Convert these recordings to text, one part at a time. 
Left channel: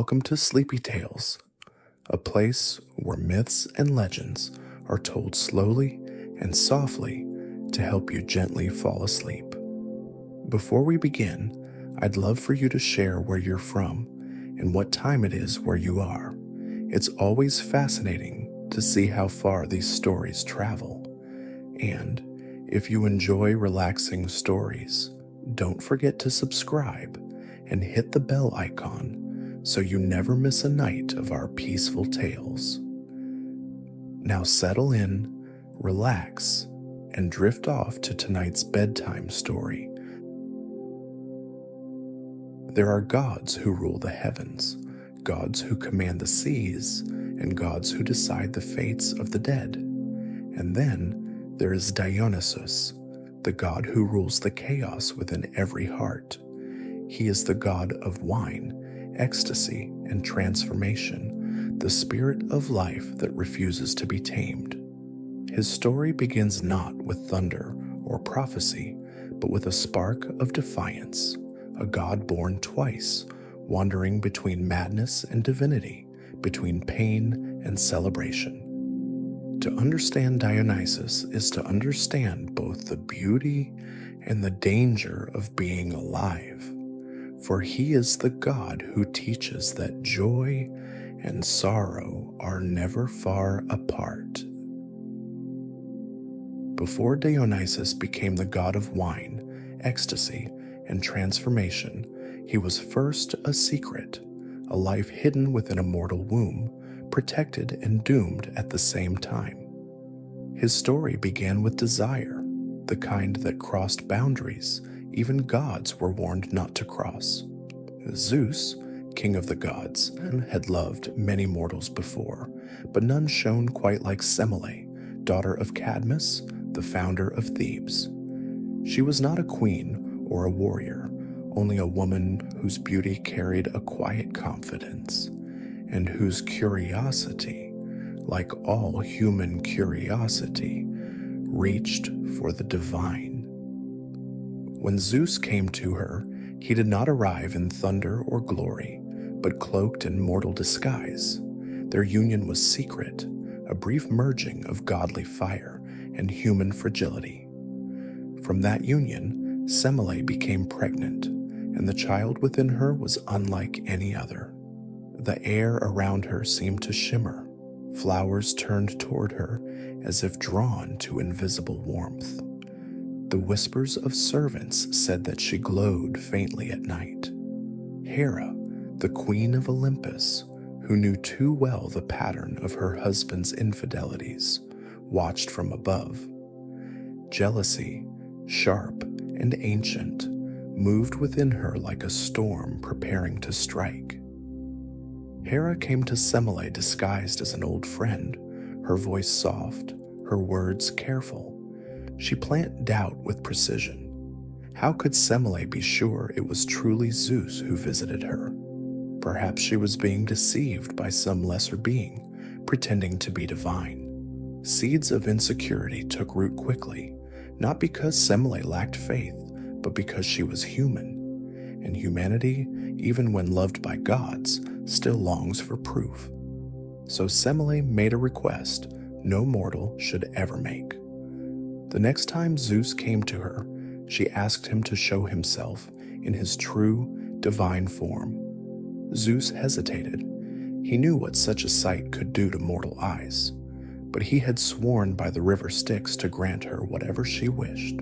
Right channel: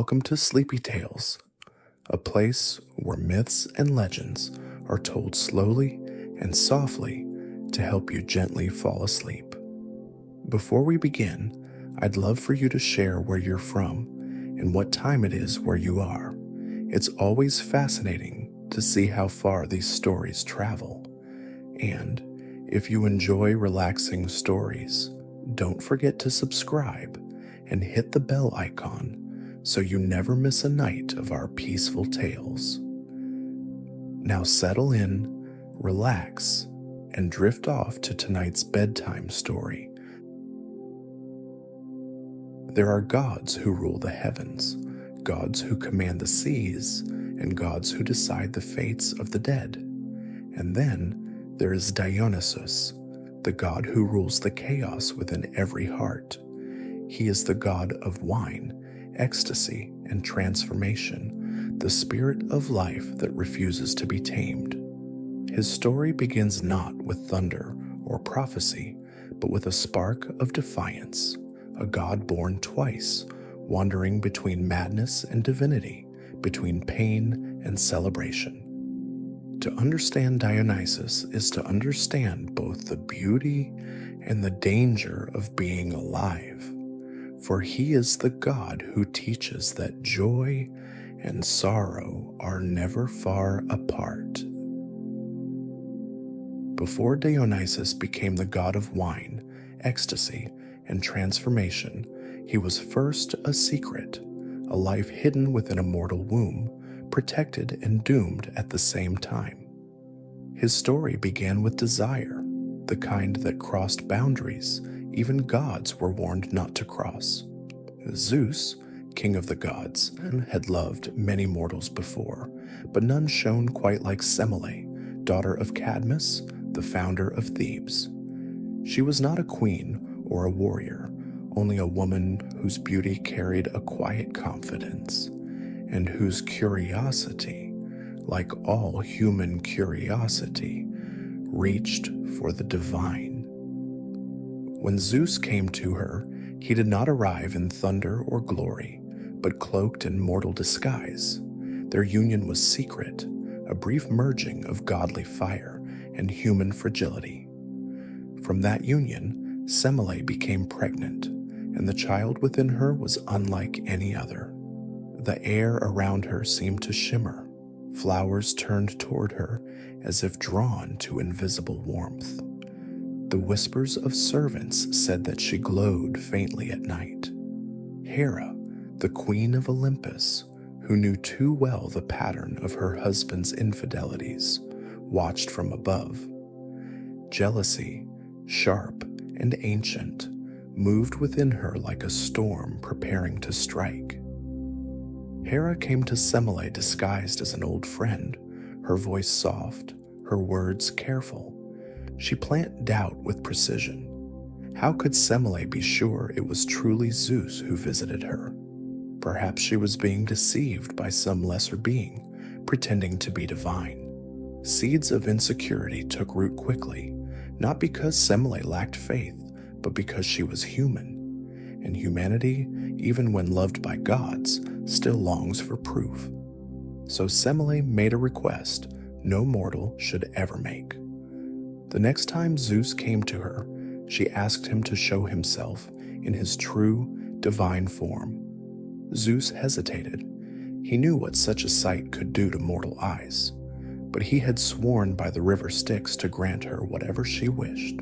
Welcome to Sleepy Tales, a place where myths and legends are told slowly and softly to help you gently fall asleep. Before we begin, I'd love for you to share where you're from and what time it is where you are. It's always fascinating to see how far these stories travel. And if you enjoy relaxing stories, don't forget to subscribe and hit the bell icon so you never miss a night of our peaceful tales. Now settle in, relax, and drift off to tonight's bedtime story. There are gods who rule the heavens, gods who command the seas, and gods who decide the fates of the dead. And then there is Dionysus, the god who rules the chaos within every heart. He is the god of wine, ecstasy, and transformation, the spirit of life that refuses to be tamed. His story begins not with thunder or prophecy, but with a spark of defiance, a god born twice, wandering between madness and divinity, between pain and celebration. To understand Dionysus is to understand both the beauty and the danger of being alive. For he is the God who teaches that joy and sorrow are never far apart. Before Dionysus became the god of wine, ecstasy, and transformation, he was first a secret, a life hidden within a mortal womb, protected and doomed at the same time. His story began with desire, the kind that crossed boundaries even gods were warned not to cross. Zeus, king of the gods, had loved many mortals before, but none shone quite like Semele, daughter of Cadmus, the founder of Thebes. She was not a queen or a warrior, only a woman whose beauty carried a quiet confidence, and whose curiosity, like all human curiosity, reached for the divine. When Zeus came to her, he did not arrive in thunder or glory, but cloaked in mortal disguise. Their union was secret, a brief merging of godly fire and human fragility. From that union, Semele became pregnant, and the child within her was unlike any other. The air around her seemed to shimmer. Flowers turned toward her as if drawn to invisible warmth. The whispers of servants said that she glowed faintly at night. Hera, the queen of Olympus, who knew too well the pattern of her husband's infidelities, watched from above. Jealousy, sharp and ancient, moved within her like a storm preparing to strike. Hera came to Semele disguised as an old friend, her voice soft, her words careful. She planted doubt with precision. How could Semele be sure it was truly Zeus who visited her? Perhaps she was being deceived by some lesser being, pretending to be divine. Seeds of insecurity took root quickly, not because Semele lacked faith, but because she was human. And humanity, even when loved by gods, still longs for proof. So Semele made a request no mortal should ever make. The next time Zeus came to her, she asked him to show himself in his true, divine form. Zeus hesitated. He knew what such a sight could do to mortal eyes, but he had sworn by the river Styx to grant her whatever she wished.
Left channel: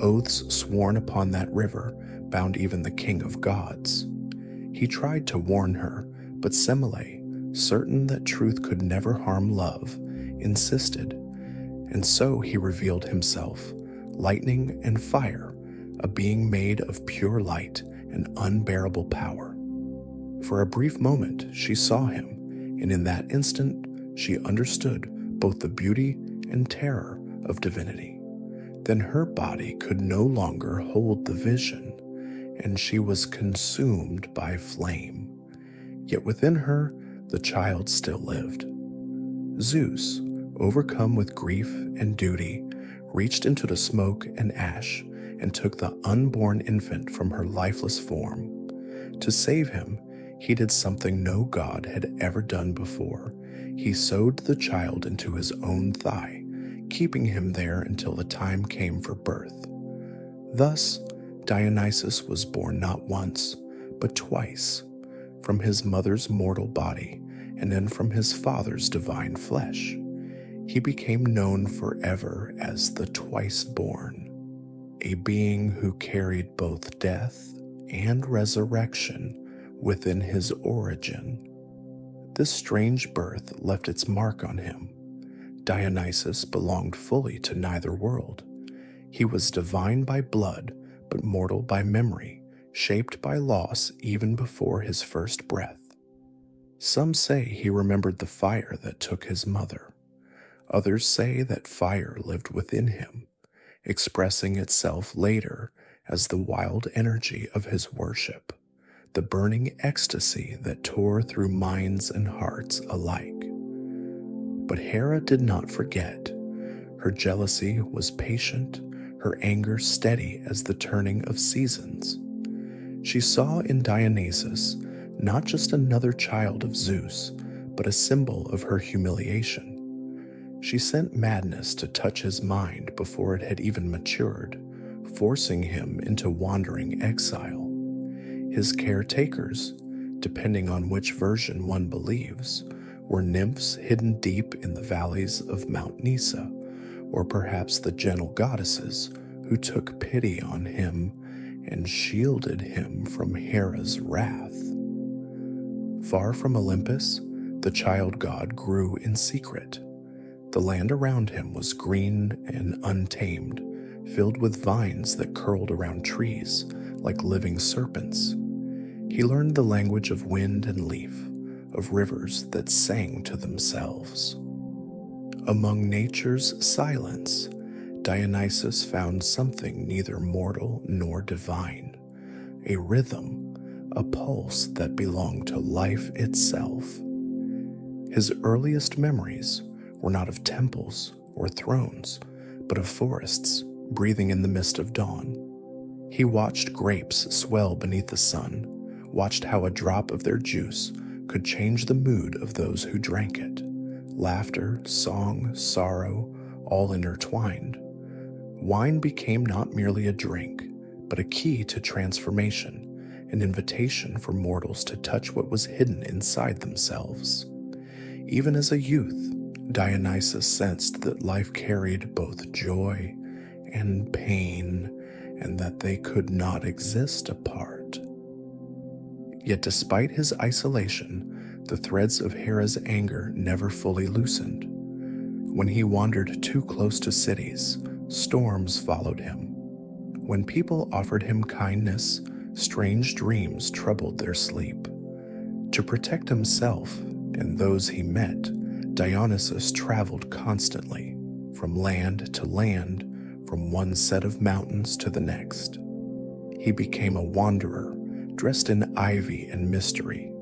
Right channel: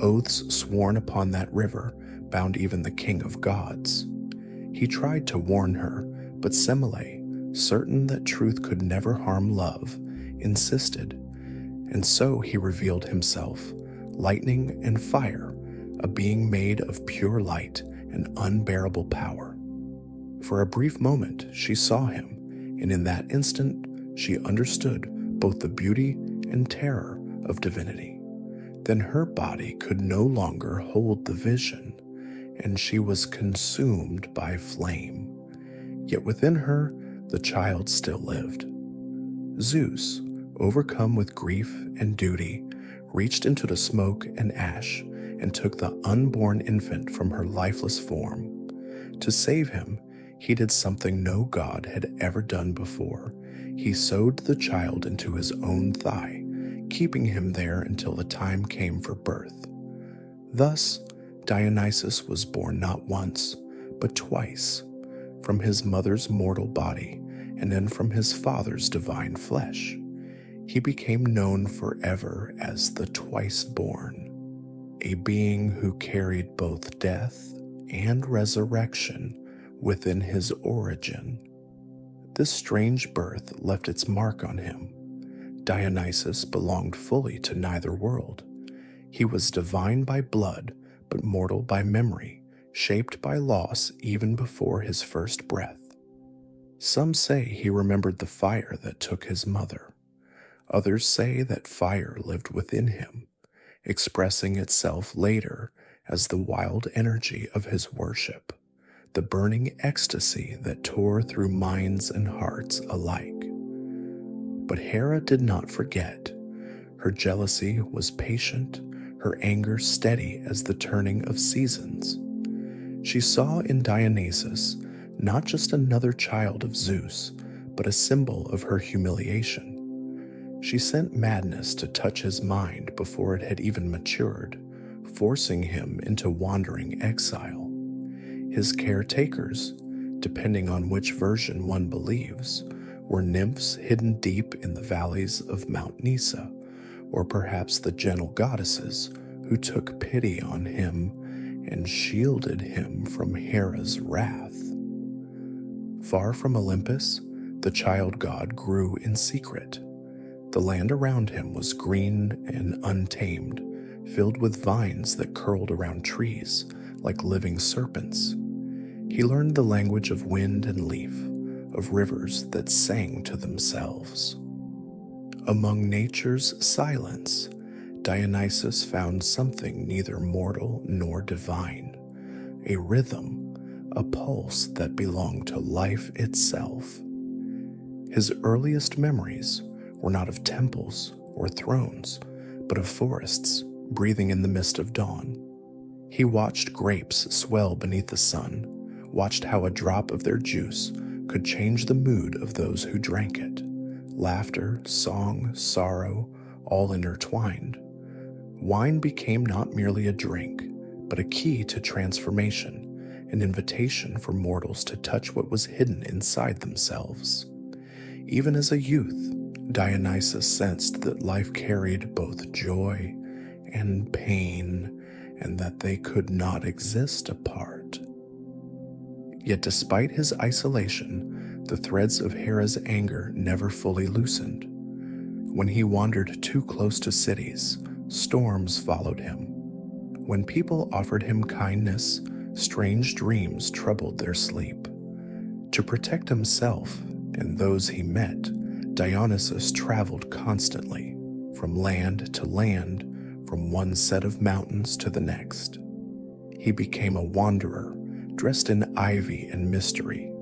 Oaths sworn upon that river bound even the king of gods. He tried to warn her, but Semele, certain that truth could never harm love, insisted. And so he revealed himself, lightning and fire, a being made of pure light and unbearable power. For a brief moment she saw him, and in that instant she understood both the beauty and terror of divinity. Then her body could no longer hold the vision, and she was consumed by flame. Yet within her the child still lived. Zeus, overcome with grief and duty, reached into the smoke and ash and took the unborn infant from her lifeless form. To save him, He did something no god had ever done before. He sewed the child into his own thigh, keeping him there until the time came for birth. Thus, Dionysus was born not once, but twice, from his mother's mortal body and then from his father's divine flesh. He became known forever as the twice-born, a being who carried both death and resurrection within his origin. This strange birth left its mark on him. Dionysus belonged fully to neither world. He was divine by blood, but mortal by memory, shaped by loss even before his first breath. Some say he remembered the fire that took his mother. Others say that fire lived within him, expressing itself later as the wild energy of his worship, the burning ecstasy that tore through minds and hearts alike. But Hera did not forget. Her jealousy was patient, her anger steady as the turning of seasons. She saw in Dionysus not just another child of Zeus, but a symbol of her humiliation. She sent madness to touch his mind before it had even matured, forcing him into wandering exile. His caretakers, depending on which version one believes, were nymphs hidden deep in the valleys of Mount Nisa, or perhaps the gentle goddesses who took pity on him and shielded him from Hera's wrath. Far from Olympus, the child god grew in secret. The land around him was green and untamed, filled with vines that curled around trees like living serpents. He learned the language of wind and leaf, of rivers that sang to themselves. Among nature's silence, Dionysus found something neither mortal nor divine, a rhythm, a pulse that belonged to life itself. His earliest memories were not of temples or thrones, but of forests breathing in the mist of dawn. He watched grapes swell beneath the sun, watched how a drop of their juice could change the mood of those who drank it. Laughter, song, sorrow, all intertwined. Wine became not merely a drink, but a key to transformation, an invitation for mortals to touch what was hidden inside themselves. Even as a youth, Dionysus sensed that life carried both joy and pain, and that they could not exist apart. Yet despite his isolation, the threads of Hera's anger never fully loosened. When he wandered too close to cities, storms followed him. When people offered him kindness, strange dreams troubled their sleep. To protect himself and those he met, Dionysus traveled constantly, from land to land, from one set of mountains to the next. He became a wanderer, dressed in ivy and mystery.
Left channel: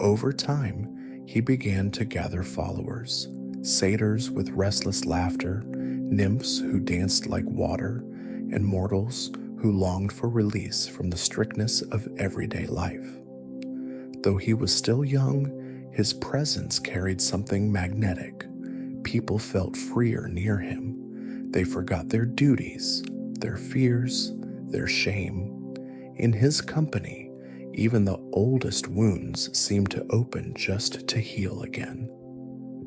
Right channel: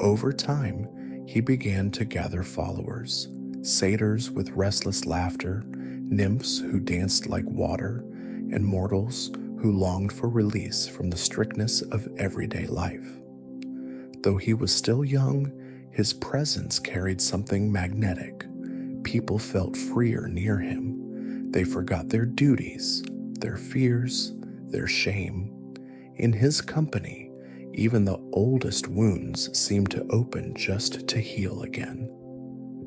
Over time, he began to gather followers, satyrs with restless laughter, nymphs who danced like water, and mortals who longed for release from the strictness of everyday life. Though he was still young, his presence carried something magnetic. People felt freer near him. They forgot their duties, their fears, their shame. In his company, even the oldest wounds seemed to open just to heal again.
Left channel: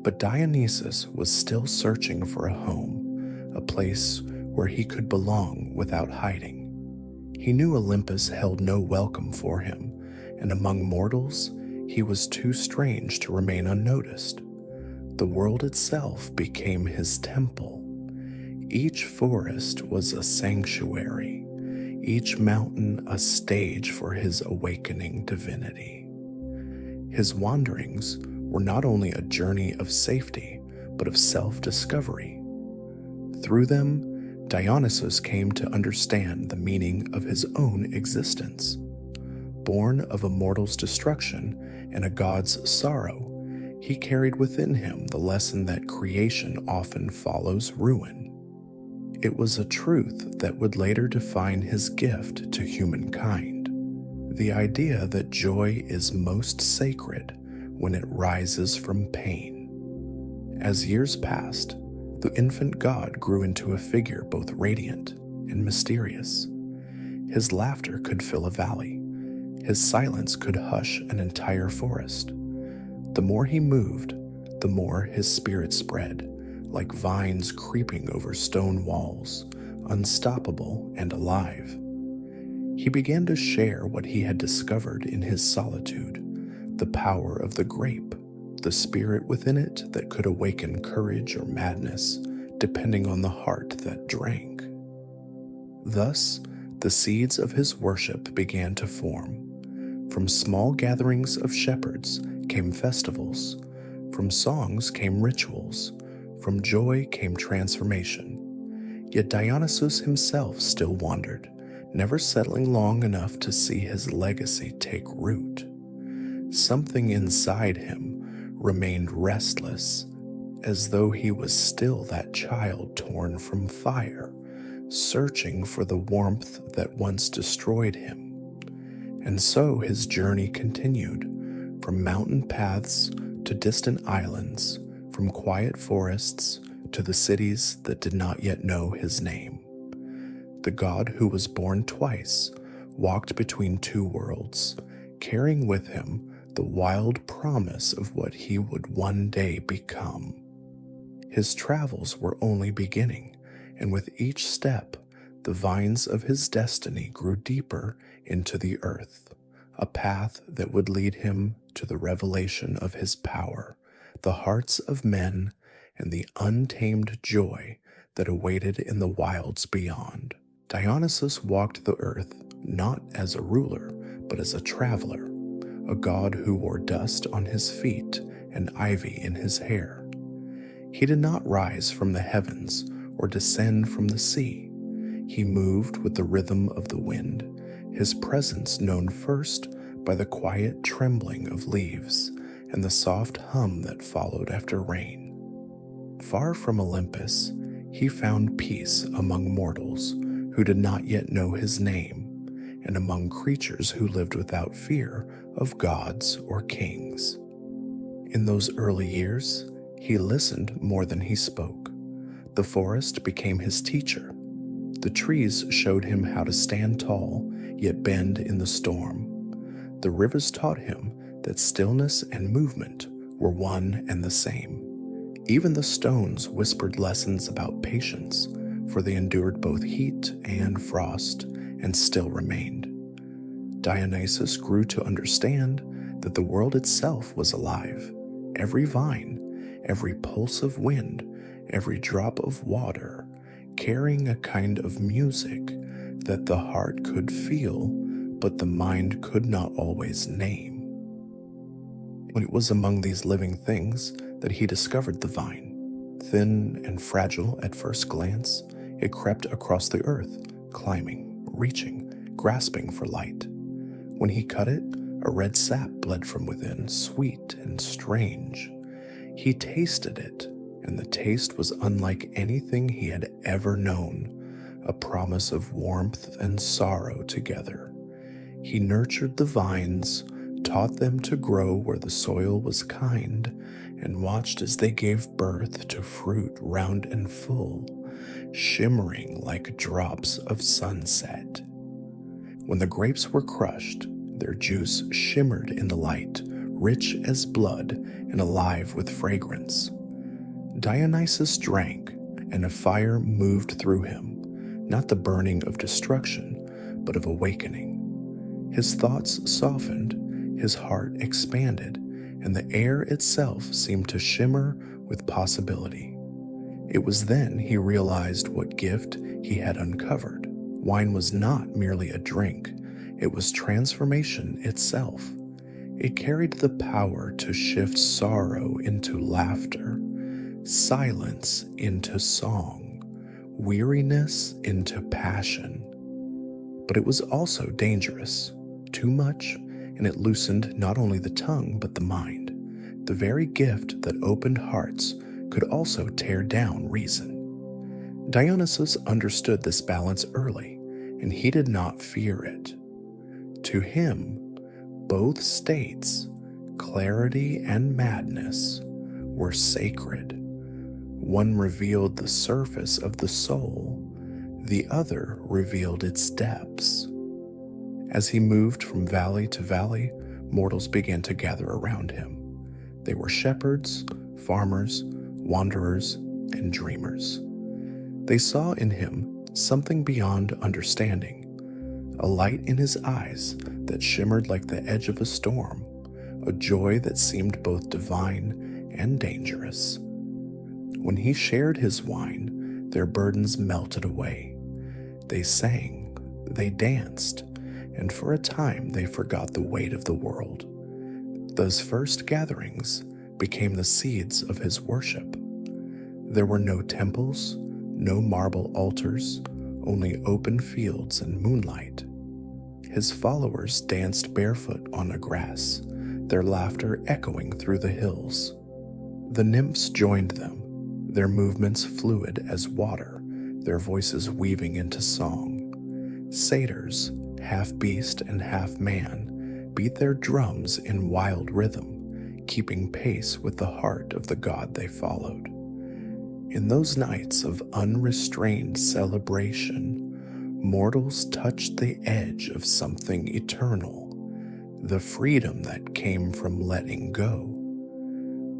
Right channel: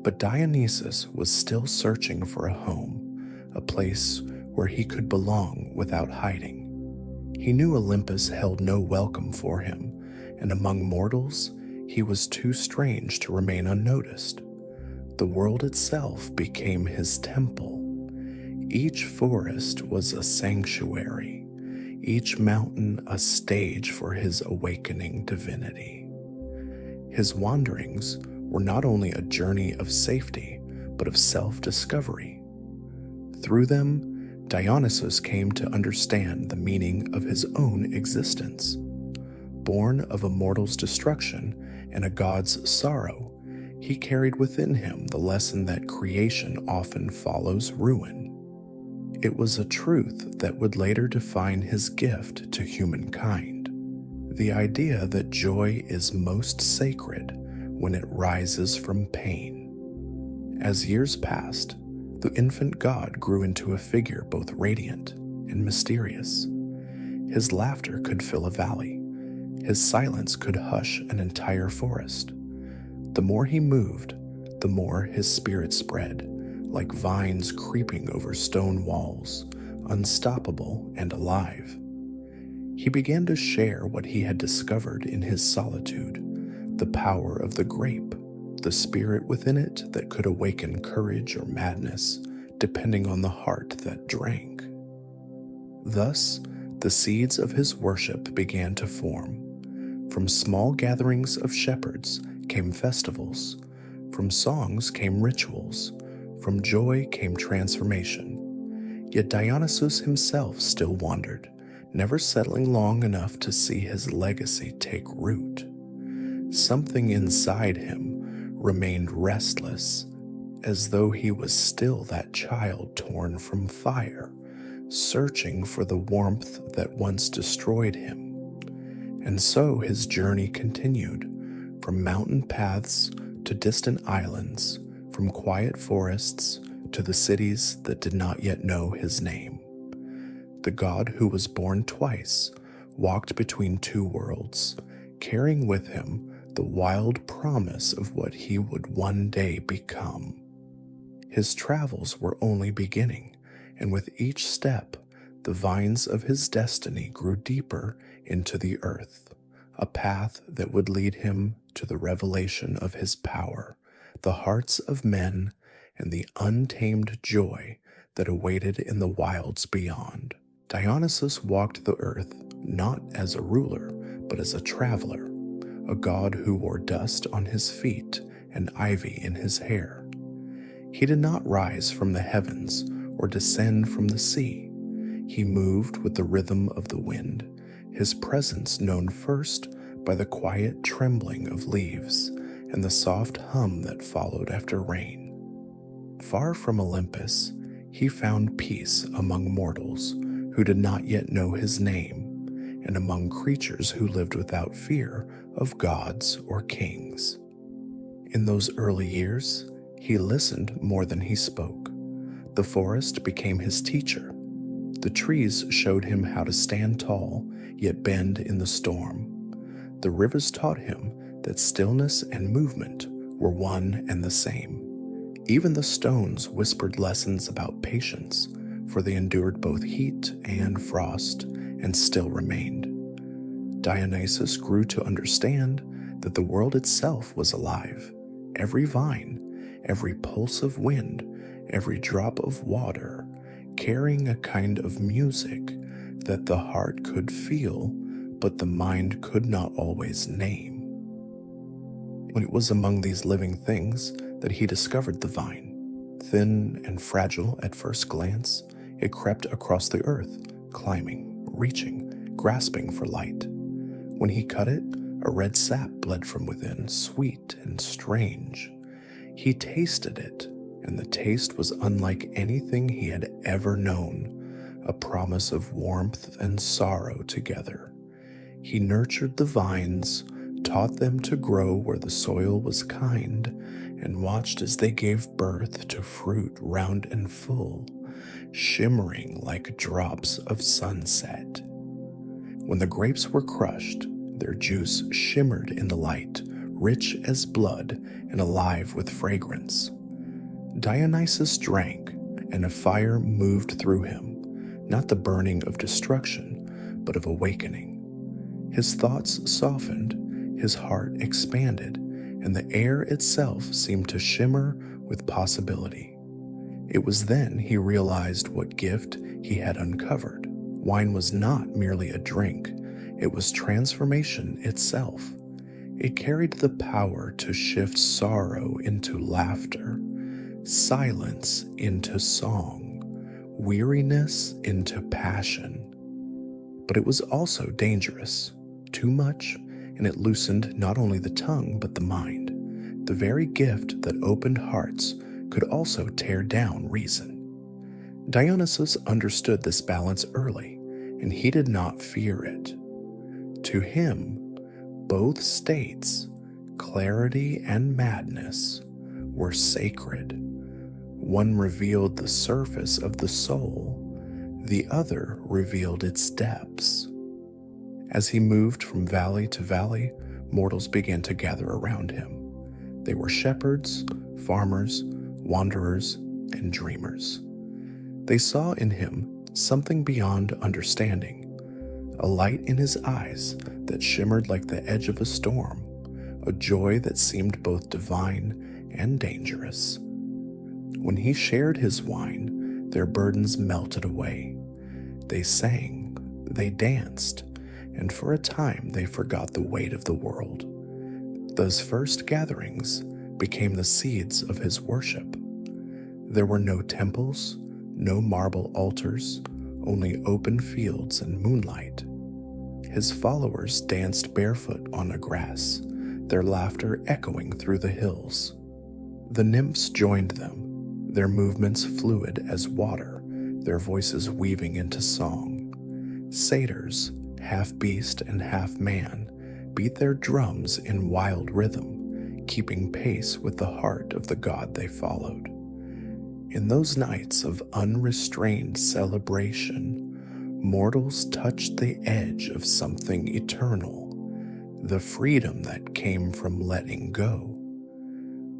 But Dionysus was still searching for a home, a place where he could belong without hiding. He knew Olympus held no welcome for him, and among mortals, he was too strange to remain unnoticed. The world itself became his temple. Each forest was a sanctuary, each mountain a stage for his awakening divinity. His wanderings were not only a journey of safety, but of self-discovery. Through them, Dionysus came to understand the meaning of his own existence. Born of a mortal's destruction and a god's sorrow, he carried within him the lesson that creation often follows ruin. It was a truth that would later define his gift to humankind. the idea that joy is most sacred when it rises from pain. As years passed, the infant god grew into a figure both radiant and mysterious. His laughter could fill a valley. His silence could hush an entire forest. The more he moved, the more his spirit spread, like vines creeping over stone walls, unstoppable and alive. He began to share what he had discovered in his solitude, the power of the grape, the spirit within it that could awaken courage or madness, depending on the heart that drank. Thus, the seeds of his worship began to form. From small gatherings of shepherds came festivals. From songs came rituals. From joy came transformation. Yet Dionysus himself still wandered, never settling long enough to see his legacy take root. Something inside him remained restless, as though he was still that child torn from fire, searching for the warmth that once destroyed him. And so his journey continued, from mountain paths to distant islands, from quiet forests to the cities that did not yet know his name. The god who was born twice walked between two worlds, carrying with him the wild promise of what he would one day become. His travels were only beginning, and with each step, the vines of his destiny grew deeper into the earth, a path that would lead him to the revelation of his power, the hearts of men, and the untamed joy that awaited in the wilds beyond. Dionysus walked the earth not as a ruler, but as a traveler, a god who wore dust on his feet and ivy in his hair. He did not rise from the heavens or descend from the sea. He moved with the rhythm of the wind, his presence known first by the quiet trembling of leaves and the soft hum that followed after rain. Far from Olympus, he found peace among mortals who did not yet know his name, and among creatures who lived without fear of gods or kings. In those early years, he listened more than he spoke. The forest became his teacher. The trees showed him how to stand tall, yet bend in the storm. The rivers taught him that stillness and movement were one and the same. Even the stones whispered lessons about patience, for they endured both heat and frost, and still remained. Dionysus grew to understand that the world itself was alive. Every vine, every pulse of wind, every drop of water, carrying a kind of music that the heart could feel, but the mind could not always name. When it was among these living things that he discovered the vine. Thin and fragile at first glance, it crept across the earth, climbing, reaching, grasping for light. When he cut it, a red sap bled from within, sweet and strange. He tasted it, and the taste was unlike anything he had ever known, a promise of warmth and sorrow together. He nurtured the vines, taught them to grow where the soil was kind, and watched as they gave birth to fruit round and full, shimmering like drops of sunset. When the grapes were crushed, their juice shimmered in the light, rich as blood and alive with fragrance. Dionysus drank, and a fire moved through him, not the burning of destruction, but of awakening. His thoughts softened, his heart expanded, and the air itself seemed to shimmer with possibility. It was then he realized what gift he had uncovered. Wine was not merely a drink, it was transformation itself. It carried the power to shift sorrow into laughter, silence into song, weariness into passion. But it was also dangerous. Too much, and it loosened not only the tongue but the mind. The very gift that opened hearts could also tear down reason. Dionysus understood this balance early, and he did not fear it. To him, both states, clarity and madness, were sacred. One revealed the surface of the soul, the other revealed its depths. As he moved from valley to valley, mortals began to gather around him. They were shepherds, farmers, wanderers, and dreamers. They saw in him something beyond understanding, a light in his eyes that shimmered like the edge of a storm, a joy that seemed both divine and dangerous. When he shared his wine, their burdens melted away. They sang, they danced, and for a time they forgot the weight of the world. Those first gatherings became the seeds of his worship. There were no temples, no marble altars, only open fields and moonlight. His followers danced barefoot on the grass, their laughter echoing through the hills. The nymphs joined them, their movements fluid as water, their voices weaving into song. Satyrs, half beast and half man, beat their drums in wild rhythm, keeping pace with the heart of the god they followed. In those nights of unrestrained celebration, mortals touched the edge of something eternal, the freedom that came from letting go.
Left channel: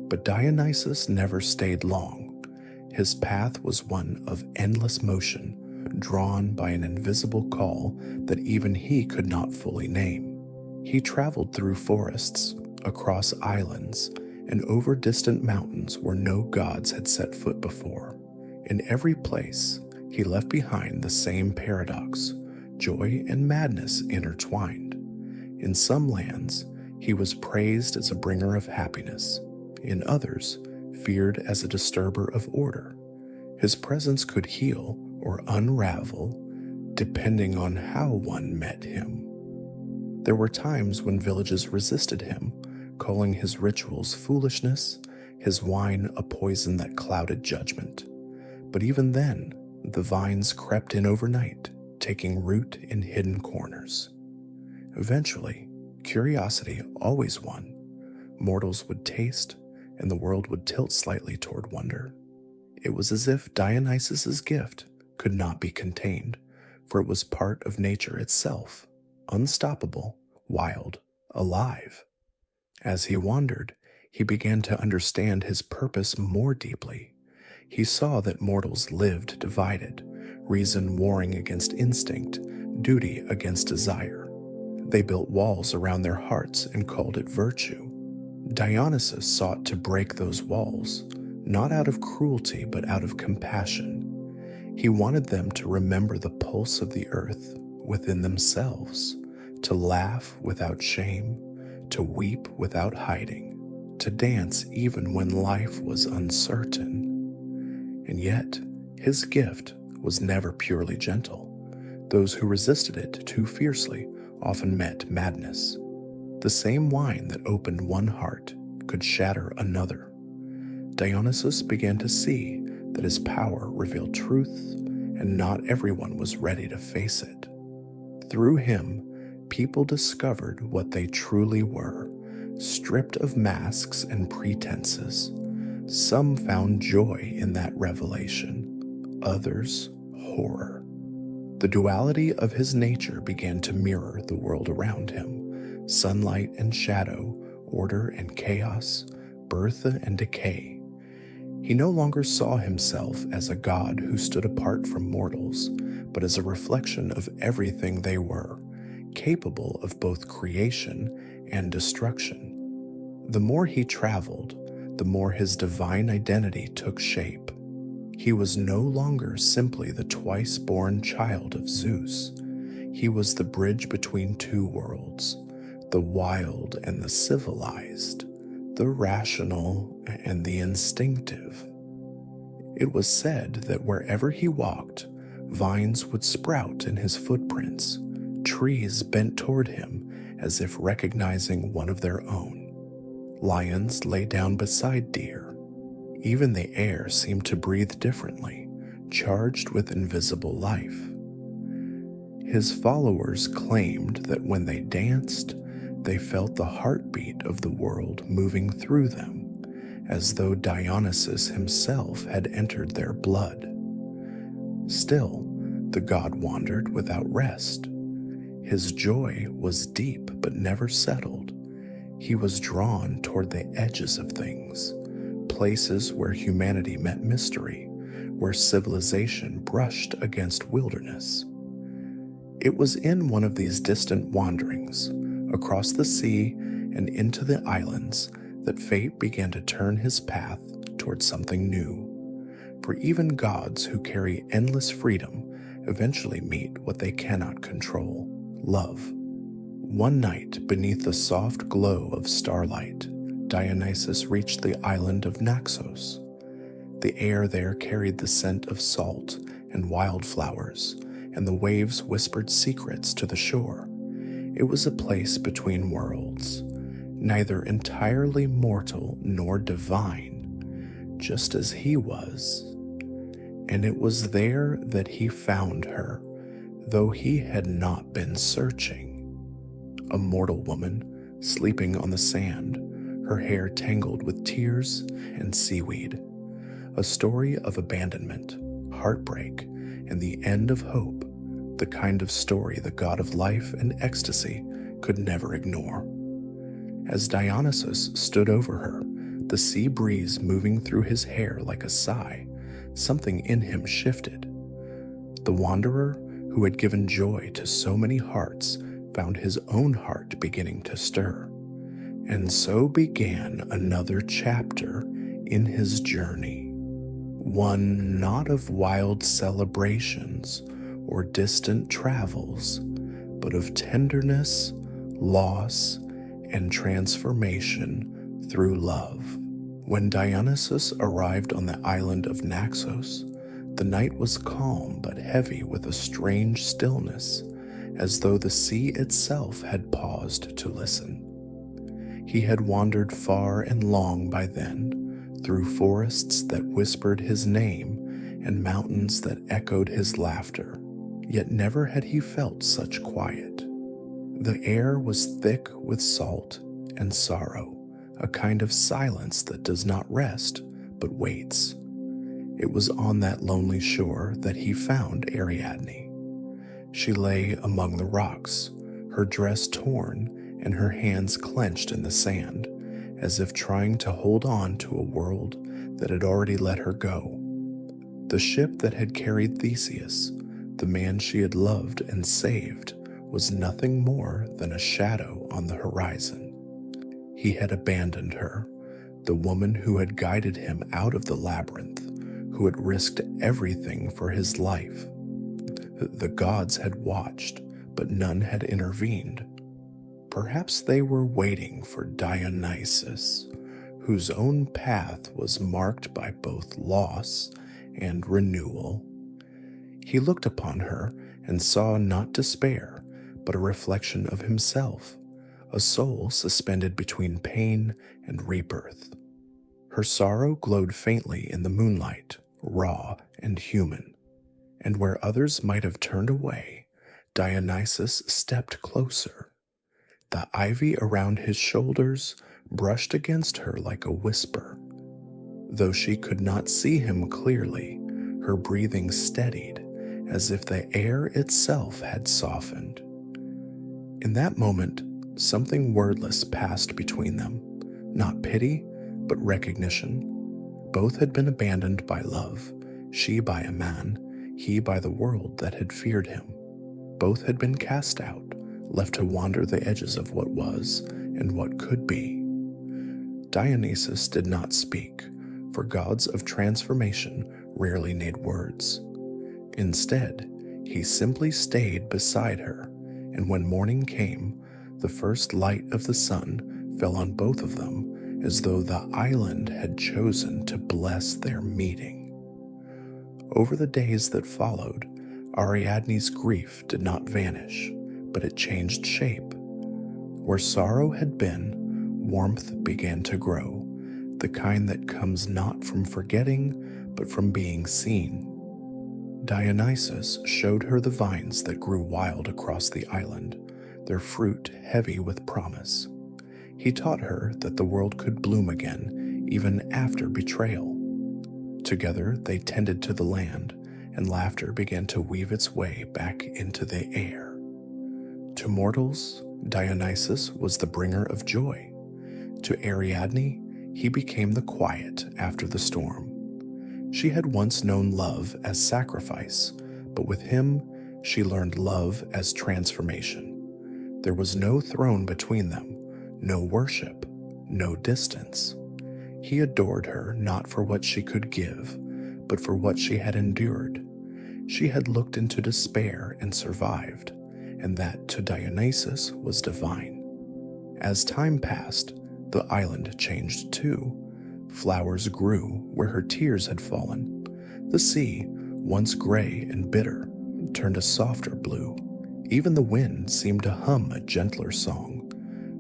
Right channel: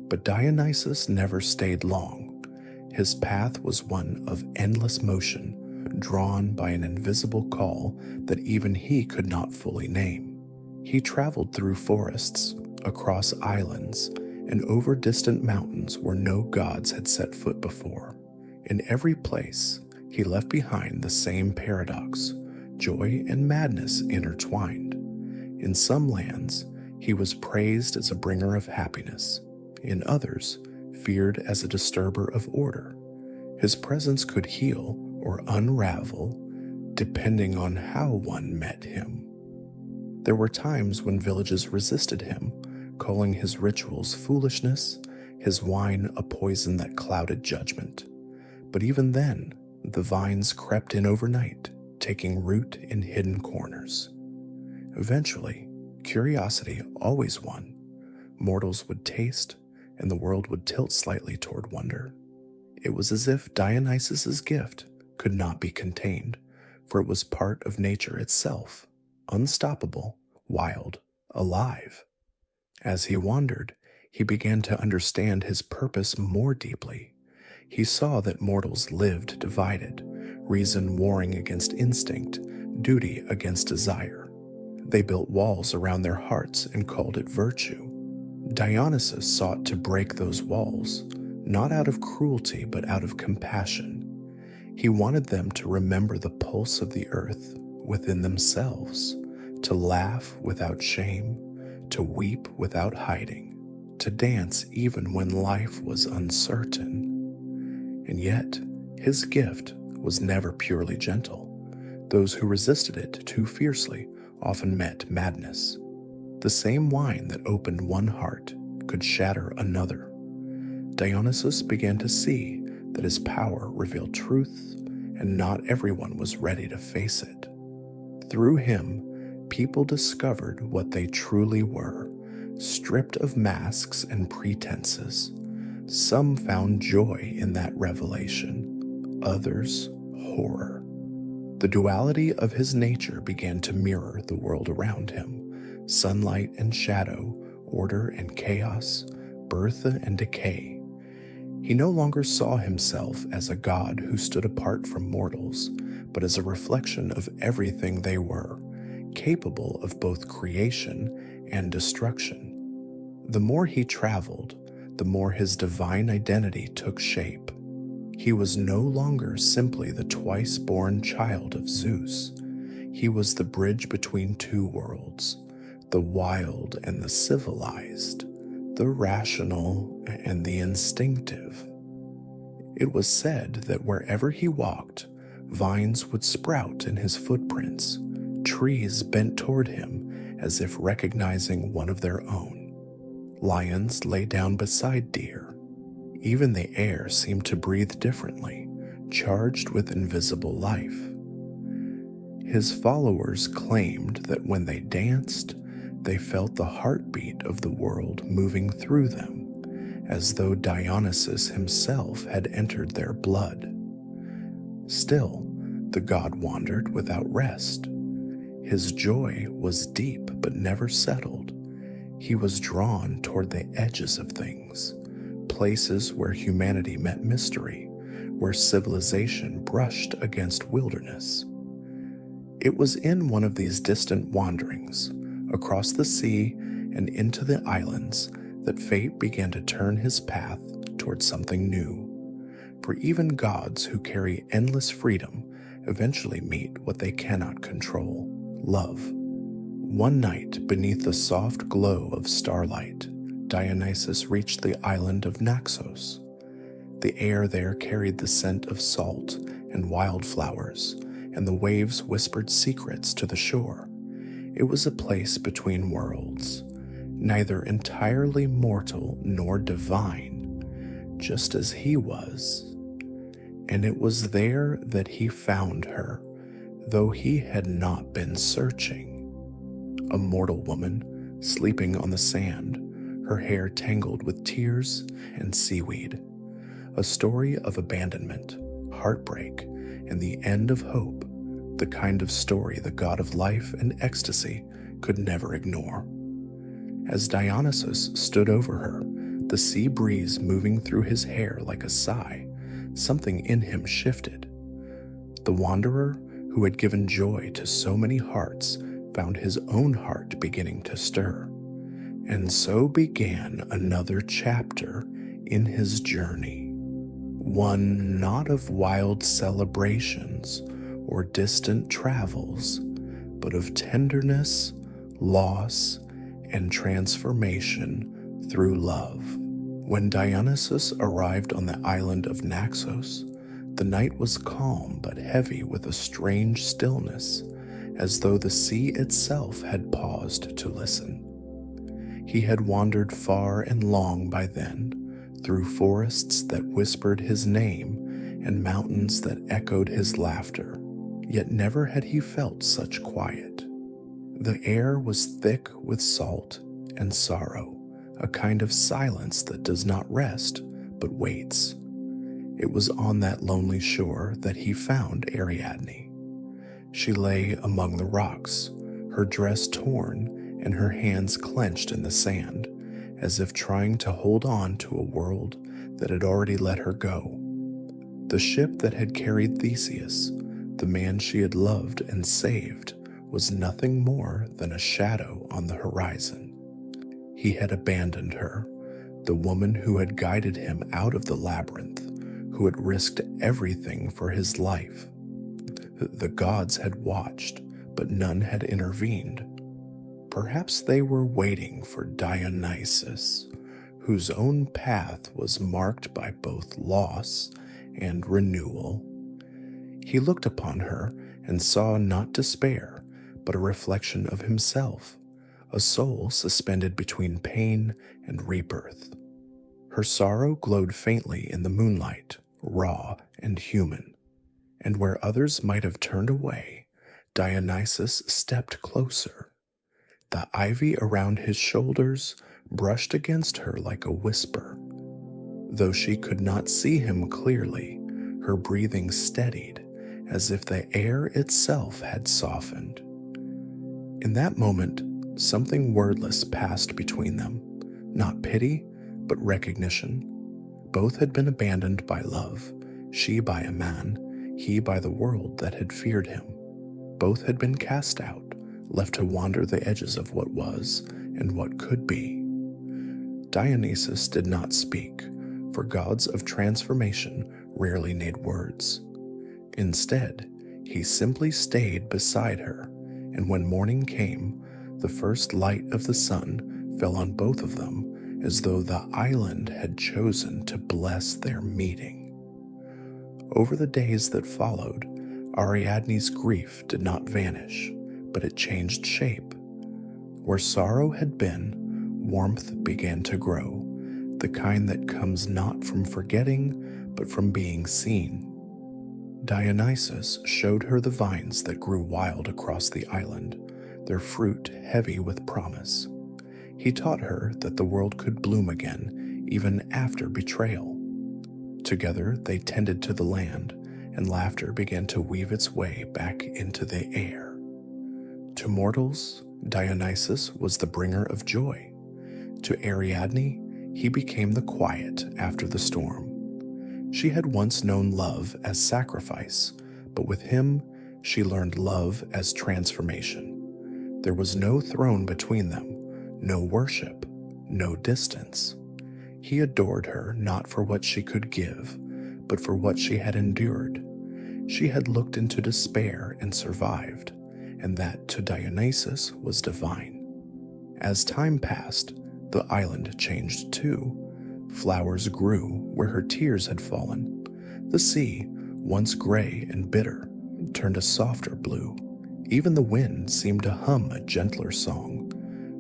But Dionysus never stayed long. His path was one of endless motion, drawn by an invisible call that even he could not fully name. He traveled through forests, across islands, and over distant mountains where no gods had set foot before. In every place, he left behind the same paradox, joy and madness intertwined. In some lands, he was praised as a bringer of happiness. In others, feared as a disturber of order. His presence could heal or unravel, depending on how one met him. There were times when villages resisted him, calling his rituals foolishness, his wine a poison that clouded judgment. But even then, the vines crept in overnight, taking root in hidden corners. Eventually, curiosity always won. Mortals would taste, and the world would tilt slightly toward wonder. It was as if Dionysus's gift could not be contained, for it was part of nature itself, unstoppable, wild, alive. As he wandered, he began to understand his purpose more deeply. He saw that mortals lived divided, reason warring against instinct, duty against desire. They built walls around their hearts and called it virtue. Dionysus sought to break those walls, not out of cruelty but out of compassion. He wanted them to remember the pulse of the earth within themselves, to laugh without shame, to weep without hiding, to dance even when life was uncertain. And yet, his gift was never purely gentle. Those who resisted it too fiercely often met madness. The same wine that opened one heart could shatter another. Dionysus began to see that his power revealed truth, and not everyone was ready to face it. Through him, people discovered what they truly were, stripped of masks and pretenses. Some found joy in that revelation, others horror. The duality of his nature began to mirror the world around him, sunlight and shadow, order and chaos, birth and decay. He no longer saw himself as a god who stood apart from mortals, but as a reflection of everything they were, capable of both creation and destruction. The more he traveled, the more his divine identity took shape. He was no longer simply the twice-born child of Zeus. He was the bridge between two worlds, the wild and the civilized, the rational and the instinctive. It was said that wherever he walked, vines would sprout in his footprints, trees bent toward him as if recognizing one of their own. Lions lay down beside deer. Even the air seemed to breathe differently, charged with invisible life. His followers claimed that when they danced, they felt the heartbeat of the world moving through them, as though Dionysus himself had entered their blood. Still, the god wandered without rest. His joy was deep but never settled. He was drawn toward the edges of things, places where humanity met mystery, where civilization brushed against wilderness. It was in one of these distant wanderings, across the sea and into the islands, that fate began to turn his path toward something new. For even gods who carry endless freedom eventually meet what they cannot control: love. One night, beneath the soft glow of starlight, Dionysus reached the island of Naxos. The air there carried the scent of salt and wildflowers, and the waves whispered secrets to the shore. It was a place between worlds, neither entirely mortal nor divine, just as he was. And it was there that he found her, though he had not been searching. A mortal woman, sleeping on the sand, her hair tangled with tears and seaweed. A story of abandonment, heartbreak, and the end of hope, the kind of story the god of life and ecstasy could never ignore. As Dionysus stood over her, the sea breeze moving through his hair like a sigh, something in him shifted. The wanderer, who had given joy to so many hearts, found his own heart beginning to stir. And so began another chapter in his journey. One not of wild celebrations or distant travels, but of tenderness, loss, and transformation through love. When Dionysus arrived on the island of Naxos, the night was calm but heavy with a strange stillness, as though the sea itself had paused to listen. He had wandered far and long by then, through forests that whispered his name and mountains that echoed his laughter, yet never had he felt such quiet. The air was thick with salt and sorrow, a kind of silence that does not rest but waits. It was on that lonely shore that he found Ariadne. She lay among the rocks, her dress torn and her hands clenched in the sand, as if trying to hold on to a world that had already let her go. The ship that had carried Theseus, the man she had loved and saved, was nothing more than a shadow on the horizon. He had abandoned her, the woman who had guided him out of the labyrinth, who had risked everything for his life. The gods had watched, but none had intervened. Perhaps they were waiting for Dionysus, whose own path was marked by both loss and renewal. He looked upon her and saw not despair, but a reflection of himself, a soul suspended between pain and rebirth. Her sorrow glowed faintly in the moonlight, raw and human, and where others might have turned away, Dionysus stepped closer. The ivy around his shoulders brushed against her like a whisper. Though she could not see him clearly, her breathing steadied, as if the air itself had softened. In that moment, something wordless passed between them, not pity, but recognition. Both had been abandoned by love, she by a man, he by the world that had feared him. Both had been cast out, left to wander the edges of what was and what could be. Dionysus did not speak, for gods of transformation rarely need words. Instead, he simply stayed beside her, and when morning came, the first light of the sun fell on both of them as though the island had chosen to bless their meeting. Over the days that followed, Ariadne's grief did not vanish, but it changed shape. Where sorrow had been, warmth began to grow, the kind that comes not from forgetting, but from being seen. Dionysus showed her the vines that grew wild across the island, their fruit heavy with promise. He taught her that the world could bloom again even after betrayal. Together they tended to the land, and laughter began to weave its way back into the air. To mortals, Dionysus was the bringer of joy. To Ariadne, he became the quiet after the storm. She had once known love as sacrifice, but with him, she learned love as transformation. There was no throne between them, no worship, no distance. He adored her not for what she could give, but for what she had endured. She had looked into despair and survived, and that to Dionysus was divine. As time passed, the island changed too. Flowers grew where her tears had fallen. The sea, once gray and bitter, turned a softer blue. Even the wind seemed to hum a gentler song.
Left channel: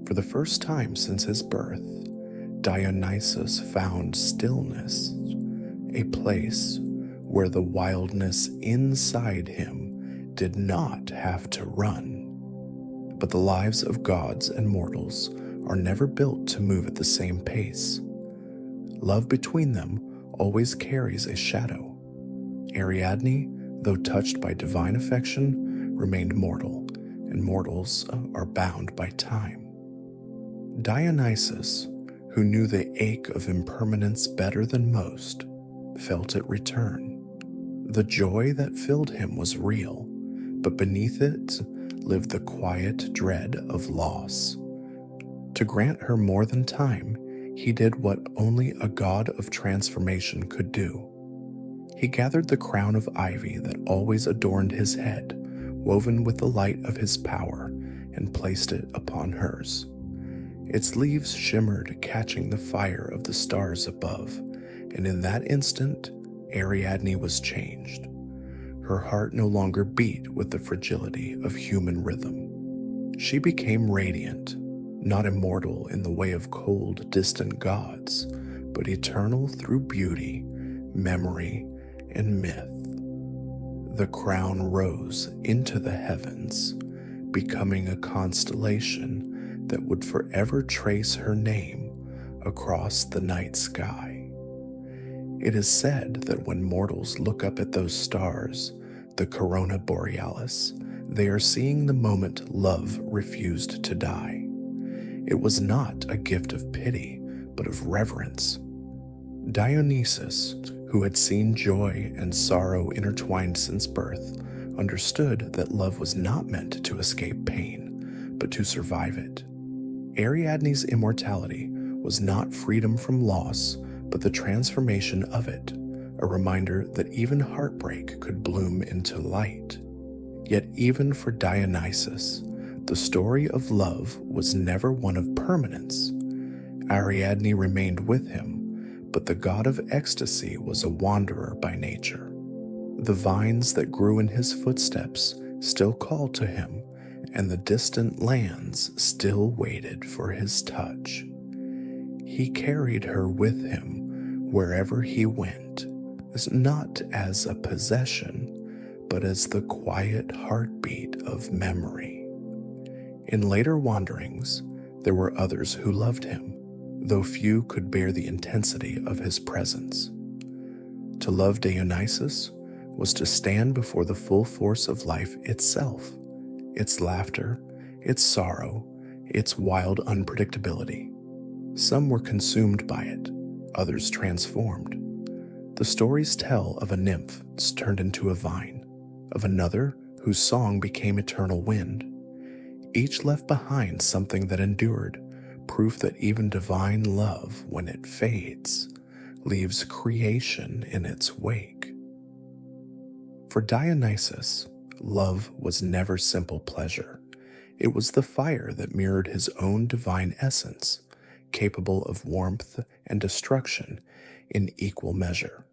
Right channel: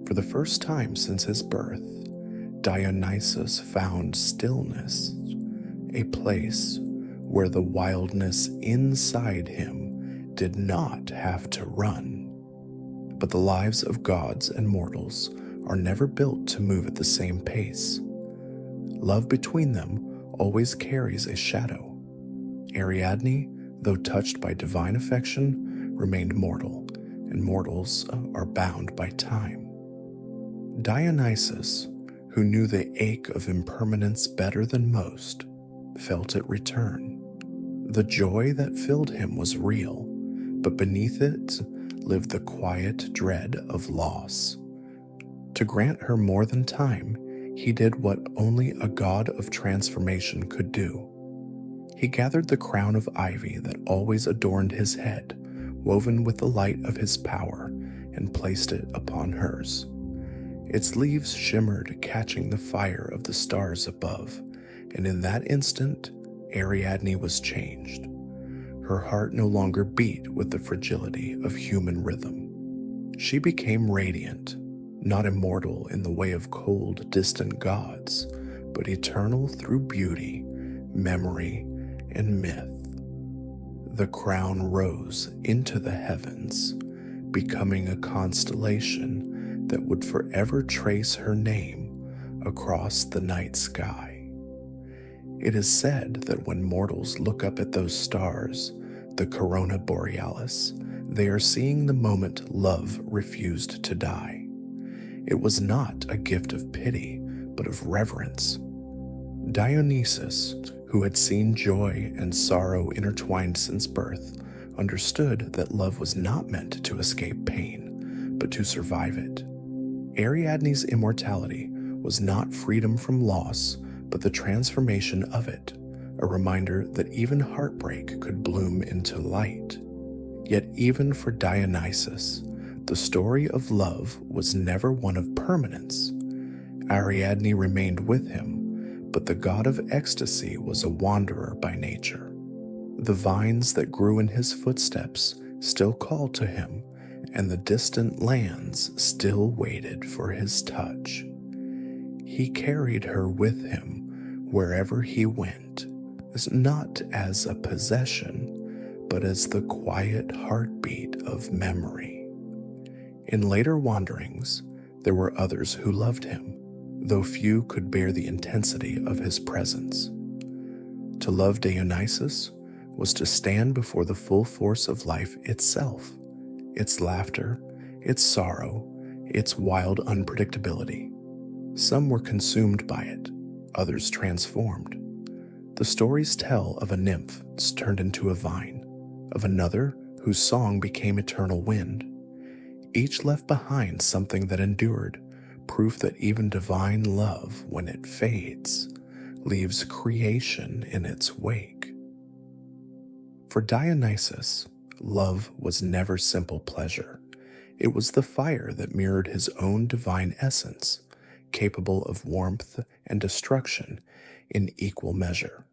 For the first time since his birth, Dionysus found stillness, a place where the wildness inside him did not have to run. But the lives of gods and mortals are never built to move at the same pace. Love between them always carries a shadow. Ariadne, though touched by divine affection, remained mortal, and mortals are bound by time. Dionysus, who knew the ache of impermanence better than most, felt it return. The joy that filled him was real, but beneath it lived the quiet dread of loss. To grant her more than time, he did what only a god of transformation could do. He gathered the crown of ivy that always adorned his head, woven with the light of his power, and placed it upon hers. Its leaves shimmered, catching the fire of the stars above, and in that instant, Ariadne was changed. Her heart no longer beat with the fragility of human rhythm. She became radiant, not immortal in the way of cold, distant gods, but eternal through beauty, memory, and myth. The crown rose into the heavens, becoming a constellation that would forever trace her name across the night sky. It is said that when mortals look up at those stars, the corona borealis, they are seeing the moment love refused to die. It was not a gift of pity, but of reverence. Dionysus, who had seen joy and sorrow intertwined since birth, understood that love was not meant to escape pain, but to survive it. Ariadne's immortality was not freedom from loss, but the transformation of it, a reminder that even heartbreak could bloom into light. Yet even for Dionysus, the story of love was never one of permanence. Ariadne remained with him, but the god of ecstasy was a wanderer by nature. The vines that grew in his footsteps still called to him, and the distant lands still waited for his touch. He carried her with him wherever he went, not as a possession, but as the quiet heartbeat of memory. In later wanderings, there were others who loved him, though few could bear the intensity of his presence. To love Dionysus was to stand before the full force of life itself, its laughter, its sorrow, its wild unpredictability. Some were consumed by it, others transformed. The stories tell of a nymph turned into a vine, of another whose song became eternal wind. Each left behind something that endured, proof that even divine love, when it fades, leaves creation in its wake. For Dionysus, love was never simple pleasure. It was the fire that mirrored his own divine essence, capable of warmth and destruction in equal measure.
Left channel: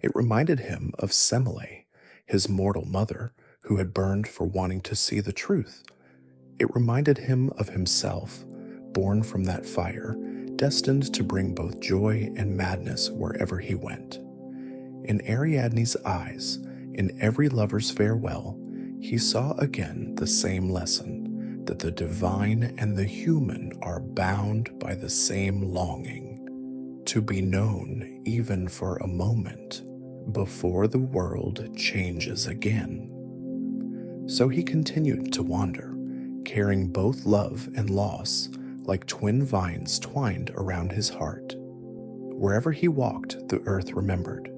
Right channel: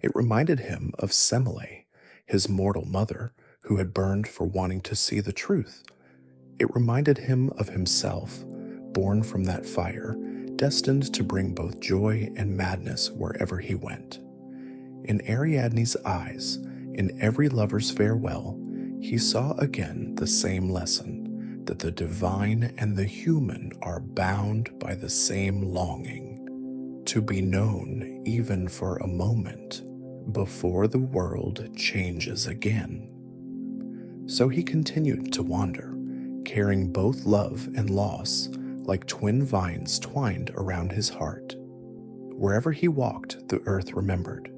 It reminded him of Semele, his mortal mother, who had burned for wanting to see the truth. It reminded him of himself, born from that fire, destined to bring both joy and madness wherever he went. In Ariadne's eyes, In every lover's farewell, he saw again the same lesson, that the divine and the human are bound by the same longing, to be known even for a moment, before the world changes again. So he continued to wander, carrying both love and loss like twin vines twined around his heart. Wherever he walked, the earth remembered.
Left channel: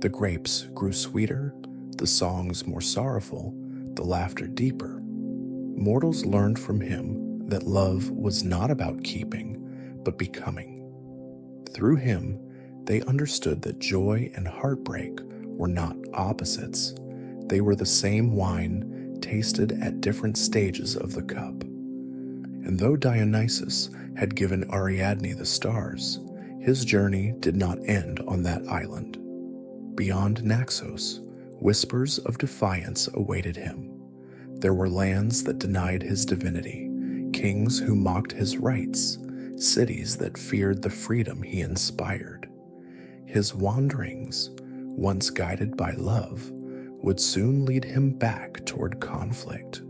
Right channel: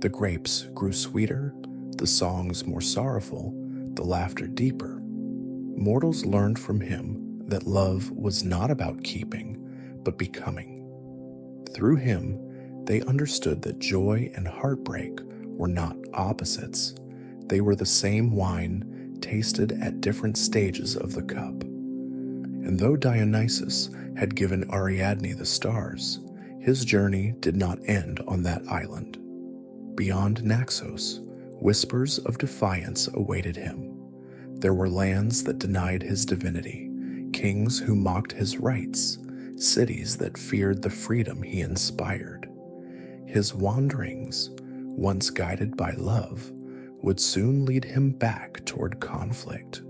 The grapes grew sweeter, the songs more sorrowful, the laughter deeper. Mortals learned from him that love was not about keeping, but becoming. Through him, they understood that joy and heartbreak were not opposites. They were the same wine, tasted at different stages of the cup. And though Dionysus had given Ariadne the stars, his journey did not end on that island. Beyond Naxos, whispers of defiance awaited him. There were lands that denied his divinity, kings who mocked his rights, cities that feared the freedom he inspired. His wanderings, once guided by love, would soon lead him back toward conflict,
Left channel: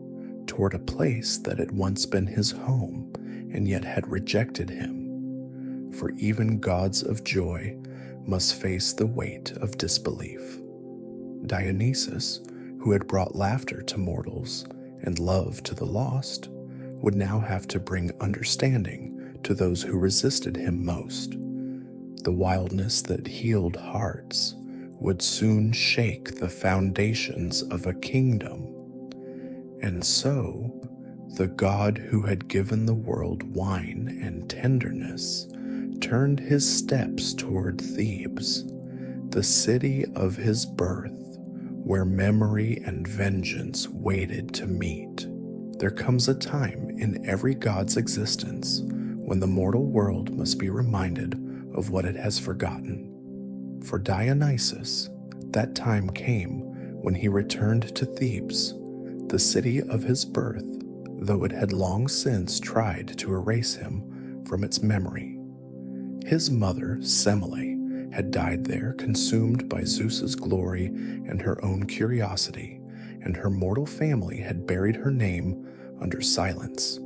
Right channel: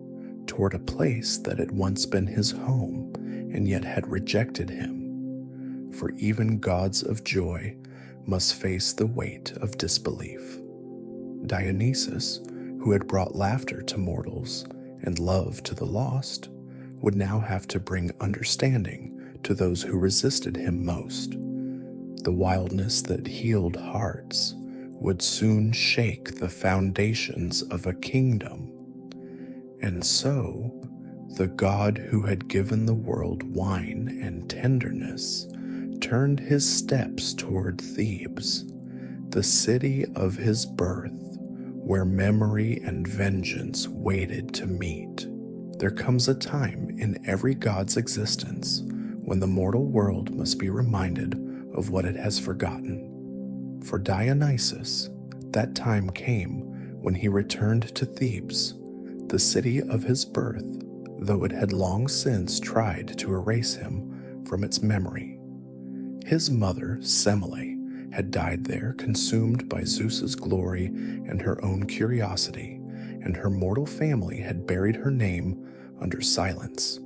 toward a place that had once been his home and yet had rejected him. For even gods of joy must face the weight of disbelief. Dionysus, who had brought laughter to mortals and love to the lost, would now have to bring understanding to those who resisted him most. The wildness that healed hearts would soon shake the foundations of a kingdom. And so, the God who had given the world wine and tenderness turned his steps toward Thebes, the city of his birth, where memory and vengeance waited to meet. There comes a time in every god's existence when the mortal world must be reminded of what it has forgotten. For Dionysus, that time came when he returned to Thebes, the city of his birth, though it had long since tried to erase him from its memory. His mother, Semele, had died there, consumed by Zeus's glory and her own curiosity, and her mortal family had buried her name under silence.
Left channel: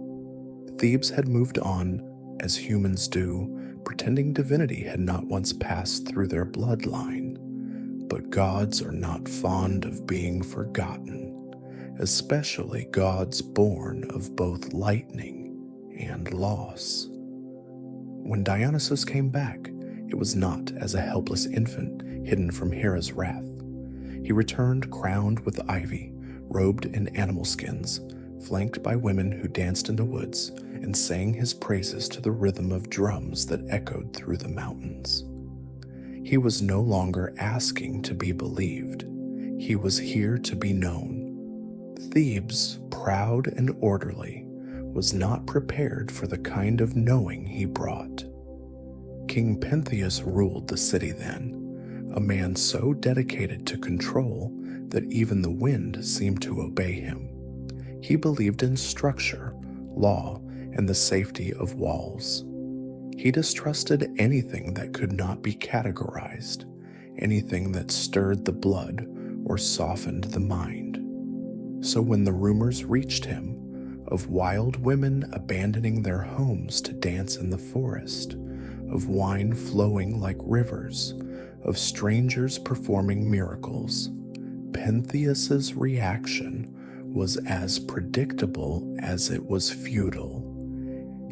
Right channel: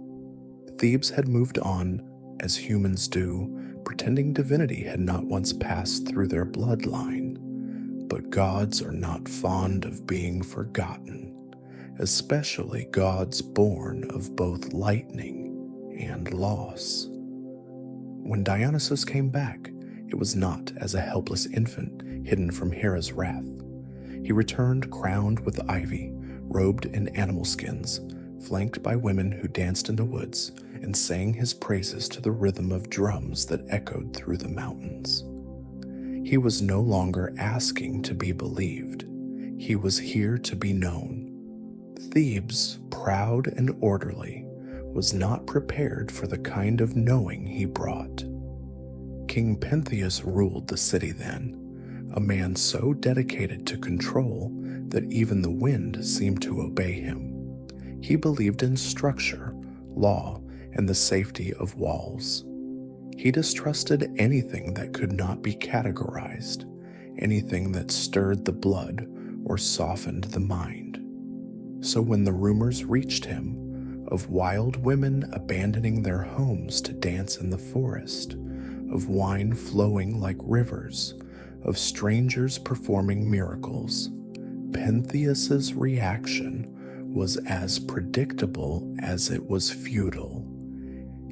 Thebes had moved on, as humans do, pretending divinity had not once passed through their bloodline. But gods are not fond of being forgotten, especially gods born of both lightning and loss. When Dionysus came back, it was not as a helpless infant hidden from Hera's wrath. He returned crowned with ivy, robed in animal skins, flanked by women who danced in the woods and sang his praises to the rhythm of drums that echoed through the mountains. He was no longer asking to be believed. He was here to be known. Thebes, proud and orderly, was not prepared for the kind of knowing he brought. King Pentheus ruled the city then, a man so dedicated to control that even the wind seemed to obey him. He believed in structure, law, and the safety of walls. He distrusted anything that could not be categorized, anything that stirred the blood or softened the mind. So when the rumors reached him of wild women abandoning their homes to dance in the forest, of wine flowing like rivers, of strangers performing miracles, Pentheus's reaction was as predictable as it was futile.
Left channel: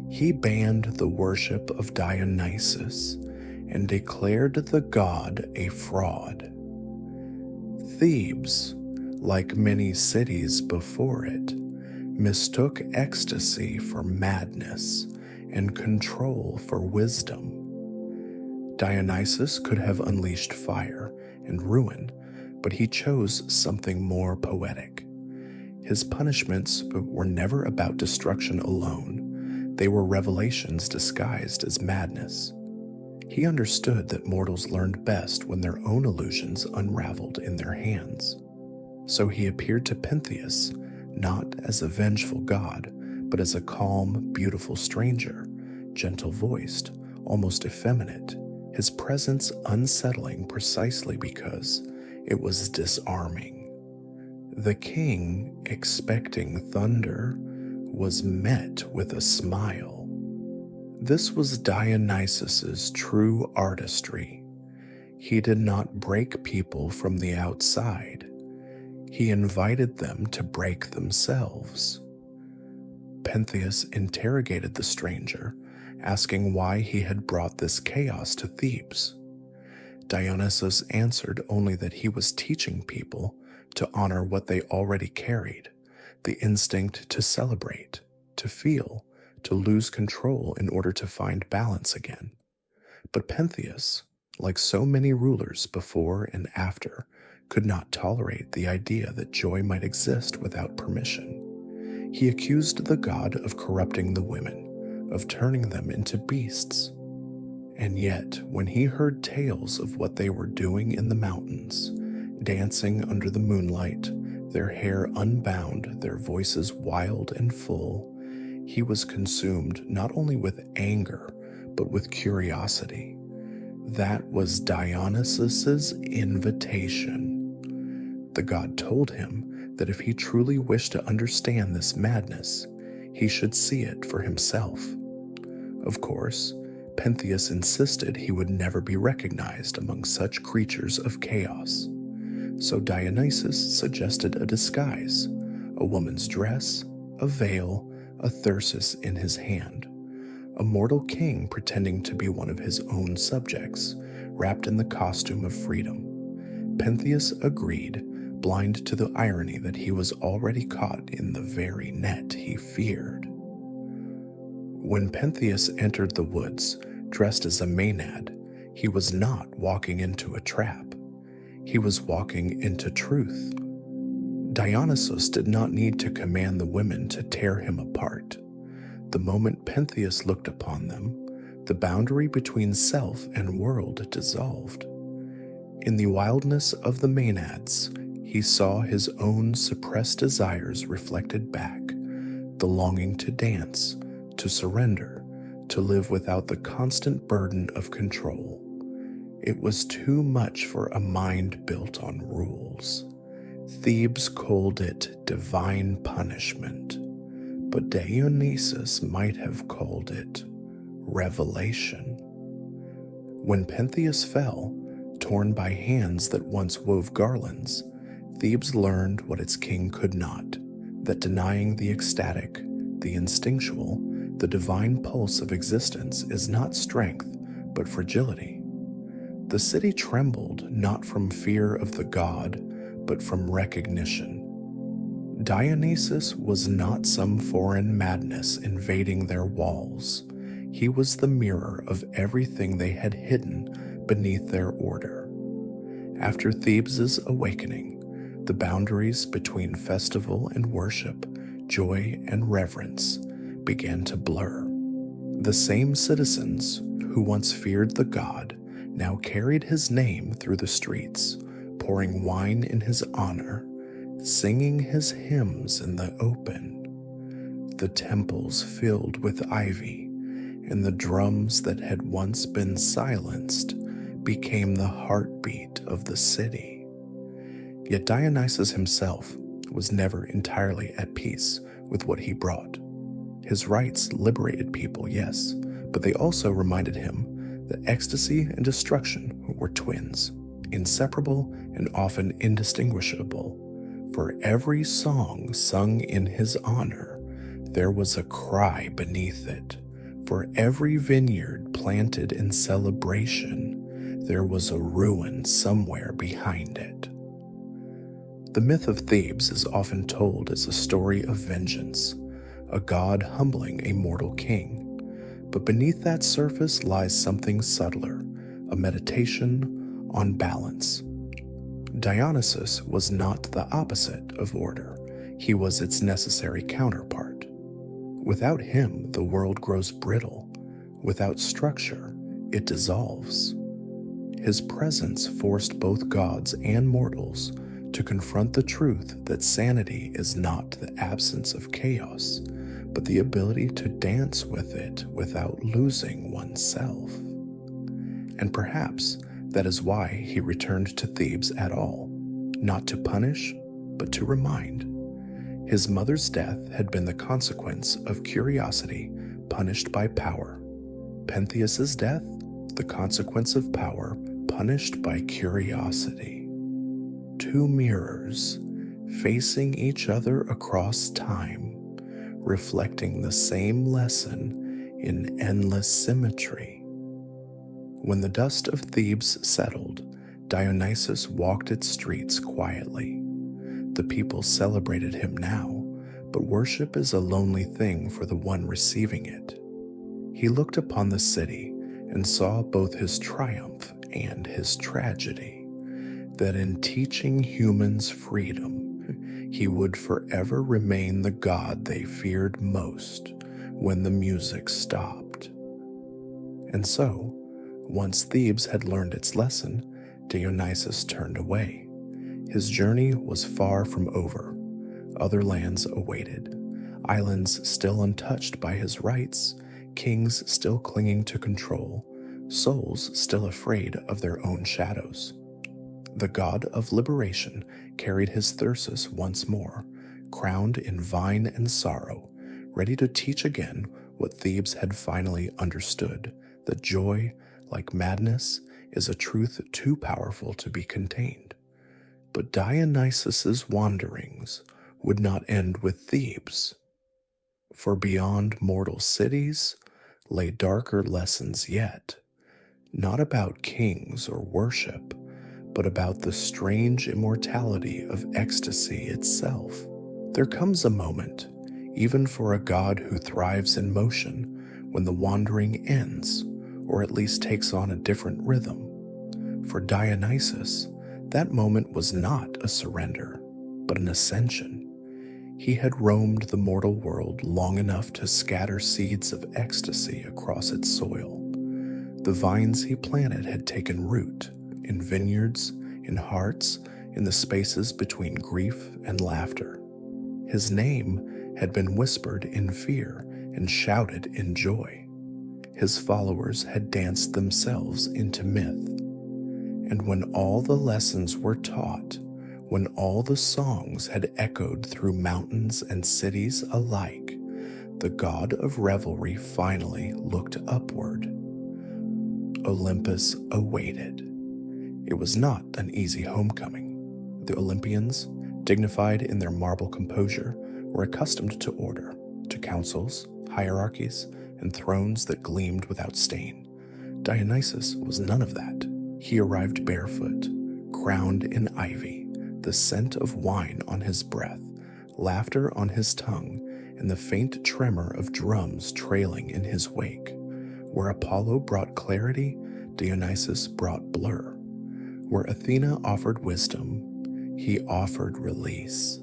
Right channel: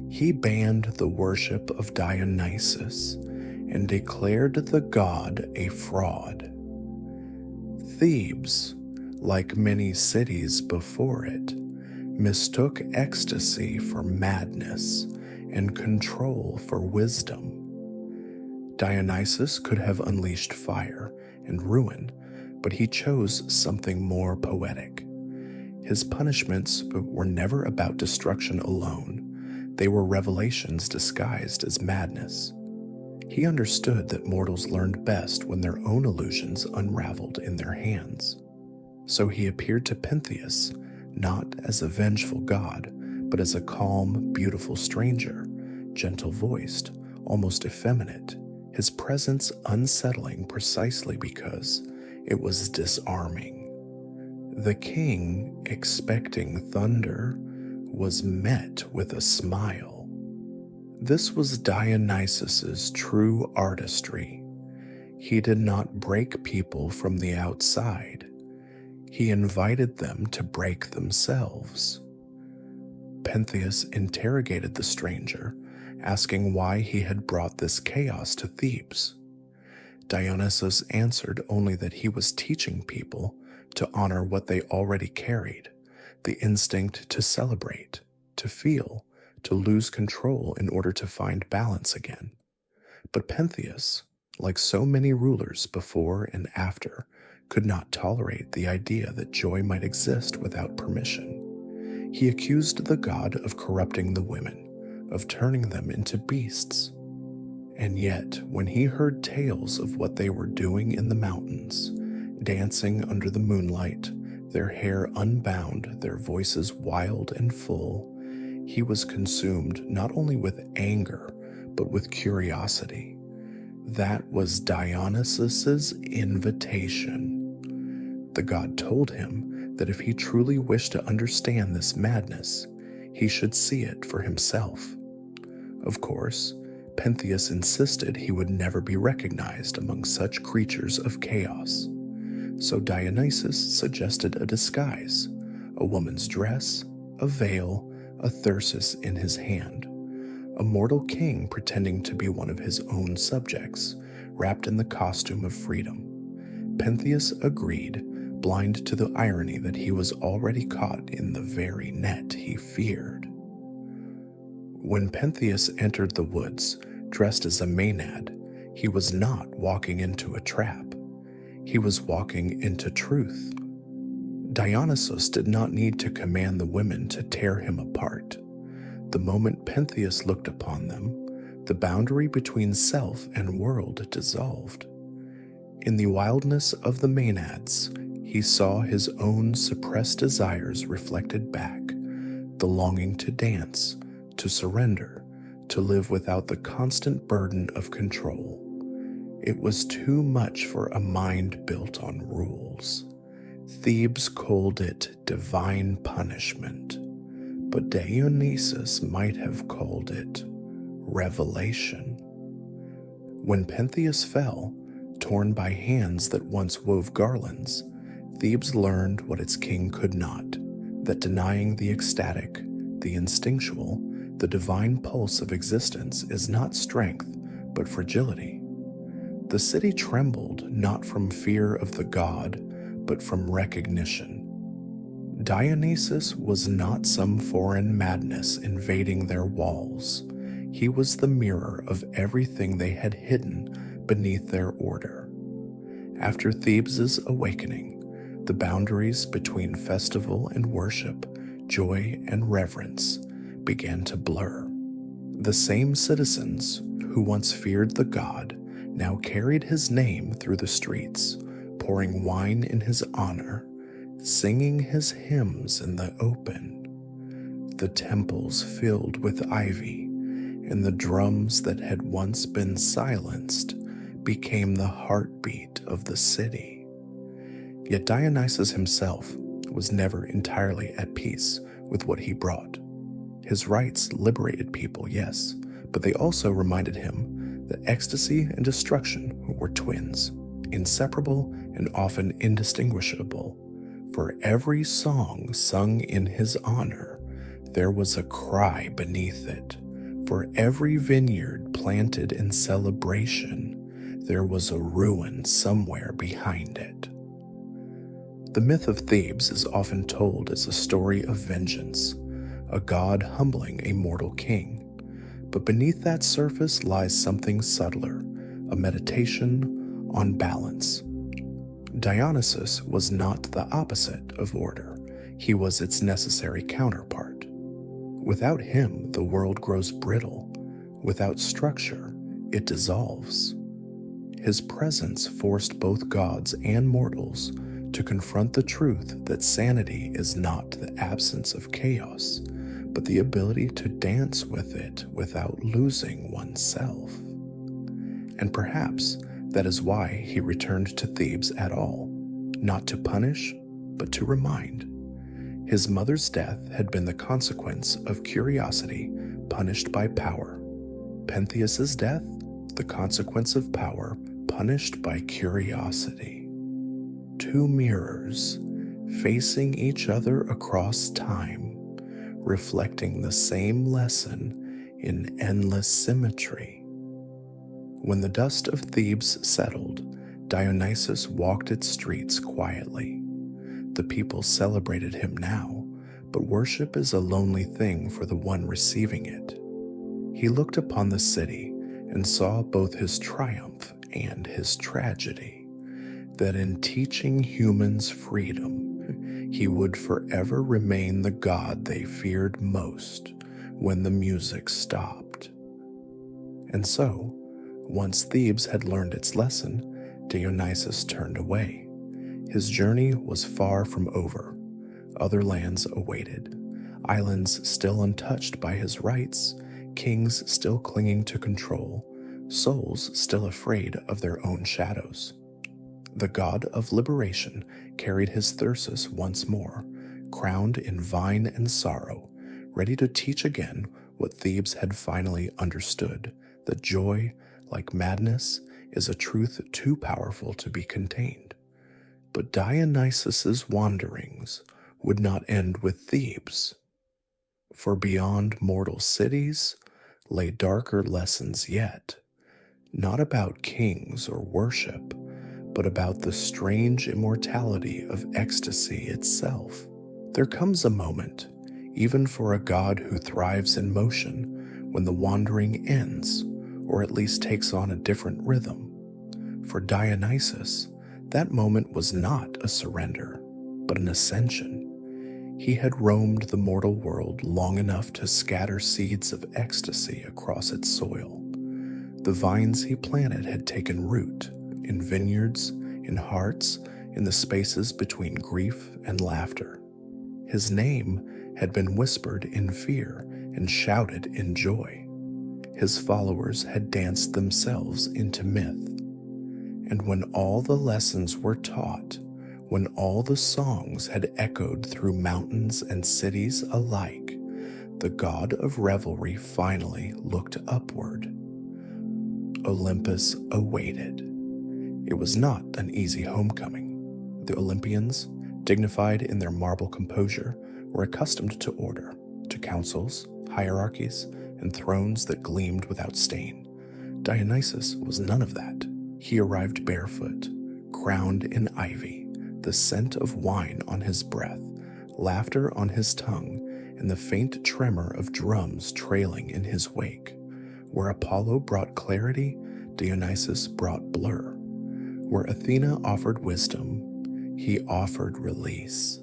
He banned the worship of Dionysus and declared the god a fraud. Thebes, like many cities before it, mistook ecstasy for madness and control for wisdom. Dionysus could have unleashed fire and ruin, but he chose something more poetic. His punishments were never about destruction alone. They were revelations disguised as madness. He understood that mortals learned best when their own illusions unraveled in their hands. So he appeared to Pentheus not as a vengeful god, but as a calm, beautiful stranger, gentle-voiced, almost effeminate, his presence unsettling precisely because It was disarming. The king, expecting thunder, was met with a smile. This was Dionysus's true artistry. He did not break people from the outside. He invited them to break themselves. Pentheus interrogated the stranger, asking why he had brought this chaos to Thebes. Dionysus answered only that he was teaching people to honor what they already carried, the instinct to celebrate, to feel, to lose control in order to find balance again. But Pentheus, like so many rulers before and after, could not tolerate the idea that joy might exist without permission. He accused the god of corrupting the women, of turning them into beasts. And yet, when he heard tales of what they were doing in the mountains, dancing under the moonlight, their hair unbound, their voices wild and full, he was consumed not only with anger, but with curiosity. That was Dionysus's invitation. The god told him that if he truly wished to understand this madness, he should see it for himself. Of course, Pentheus insisted he would never be recognized among such creatures of chaos. So Dionysus suggested a disguise, a woman's dress, a veil, a thyrsus in his hand, a mortal king pretending to be one of his own subjects, wrapped in the costume of freedom. Pentheus agreed, blind to the irony that he was already caught in the very net he feared. When Pentheus entered the woods, dressed as a Maenad, he was not walking into a trap. He was walking into truth. Dionysus did not need to command the women to tear him apart. The moment Pentheus looked upon them, the boundary between self and world dissolved. In the wildness of the Maenads, he saw his own suppressed desires reflected back, the longing to dance, to surrender, to live without the constant burden of control. It was too much for a mind built on rules. Thebes called it divine punishment, but Dionysus might have called it revelation. When Pentheus fell, torn by hands that once wove garlands, Thebes learned what its king could not, that denying the ecstatic, the instinctual, the divine pulse of existence is not strength, but fragility. The city trembled not from fear of the god, but from recognition. Dionysus was not some foreign madness invading their walls. He was the mirror of everything they had hidden beneath their order. After Thebes's awakening, the boundaries between festival and worship, joy and reverence, began to blur. The same citizens who once feared the god now carried his name through the streets, pouring wine in his honor, singing his hymns in the open. The temples filled with ivy, and the drums that had once been silenced became the heartbeat of the city. Yet Dionysus himself was never entirely at peace with what he brought. His rites liberated people, yes, but they also reminded him that ecstasy and destruction were twins, inseparable and often indistinguishable. For every song sung in his honor, there was a cry beneath it. For every vineyard planted in celebration, there was a ruin somewhere behind it. The myth of Thebes is often told as a story of vengeance, a god humbling a mortal king. But beneath that surface lies something subtler, a meditation on balance. Dionysus was not the opposite of order. He was its necessary counterpart. Without him, the world grows brittle. Without structure, it dissolves. His presence forced both gods and mortals to confront the truth that sanity is not the absence of chaos, but the ability to dance with it without losing oneself. And perhaps that is why he returned to Thebes at all. not to punish, but to remind. His mother's death had been the consequence of curiosity punished by power. Pentheus's death, the consequence of power punished by curiosity. Two mirrors facing each other across time, reflecting the same lesson in endless symmetry. When the dust of Thebes settled, Dionysus walked its streets quietly. The people celebrated him now, but worship is a lonely thing for the one receiving it. He looked upon the city and saw both his triumph and his tragedy, that in teaching humans freedom, he would forever remain the god they feared most when the music stopped. And so, once Thebes had learned its lesson, Dionysus turned away. His journey was far from over. Other lands awaited, islands still untouched by his rights, kings still clinging to control, souls still afraid of their own shadows. The god of liberation carried his thyrsus once more, crowned in vine and sorrow, ready to teach again what Thebes had finally understood, that joy, like madness, is a truth too powerful to be contained. But Dionysus's wanderings would not end with Thebes, for beyond mortal cities lay darker lessons yet, not about kings or worship, but about the strange immortality of ecstasy itself. There comes a moment, even for a god who thrives in motion, when the wandering ends, or at least takes on a different rhythm. For Dionysus, that moment was not a surrender, but an ascension. He had roamed the mortal world long enough to scatter seeds of ecstasy across its soil. The vines he planted had taken root in vineyards, in hearts, in the spaces between grief and laughter. His name had been whispered in fear and shouted in joy. His followers had danced themselves into myth. And when all the lessons were taught, when all the songs had echoed through mountains and cities alike, the god of revelry finally looked upward. Olympus awaited. It was not an easy homecoming. The Olympians, dignified in their marble composure, were accustomed to order, to councils, hierarchies, and thrones that gleamed without stain. Dionysus was none of that. He arrived barefoot, crowned in ivy, the scent of wine on his breath, laughter on his tongue, and the faint tremor of drums trailing in his wake. Where Apollo brought clarity, Dionysus brought blur. Where Athena offered wisdom, he offered release.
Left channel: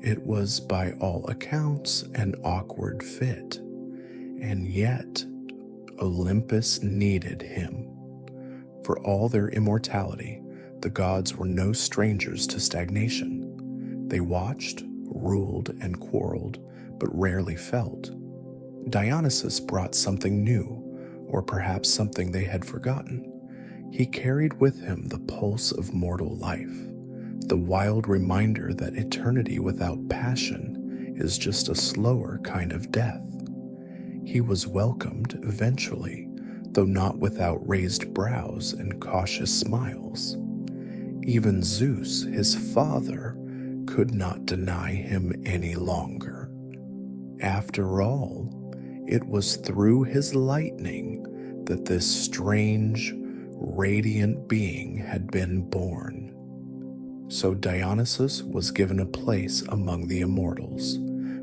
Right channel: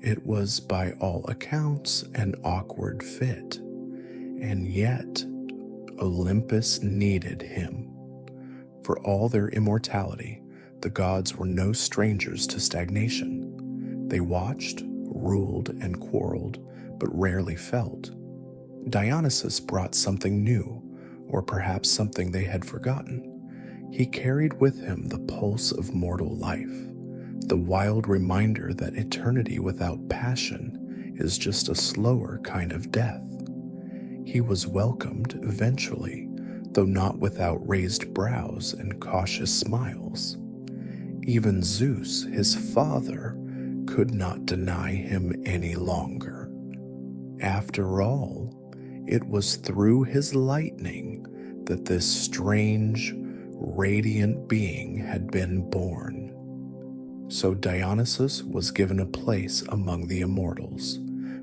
It was by all accounts an awkward fit, and yet Olympus needed him. For all their immortality, the gods were no strangers to stagnation. They watched, ruled, and quarreled, but rarely felt. Dionysus brought something new, or perhaps something they had forgotten. He carried with him the pulse of mortal life, the wild reminder that eternity without passion is just a slower kind of death. He was welcomed eventually, though not without raised brows and cautious smiles. Even Zeus, his father, could not deny him any longer. After all, it was through his lightning that this strange, radiant being had been born. So Dionysus was given a place among the immortals,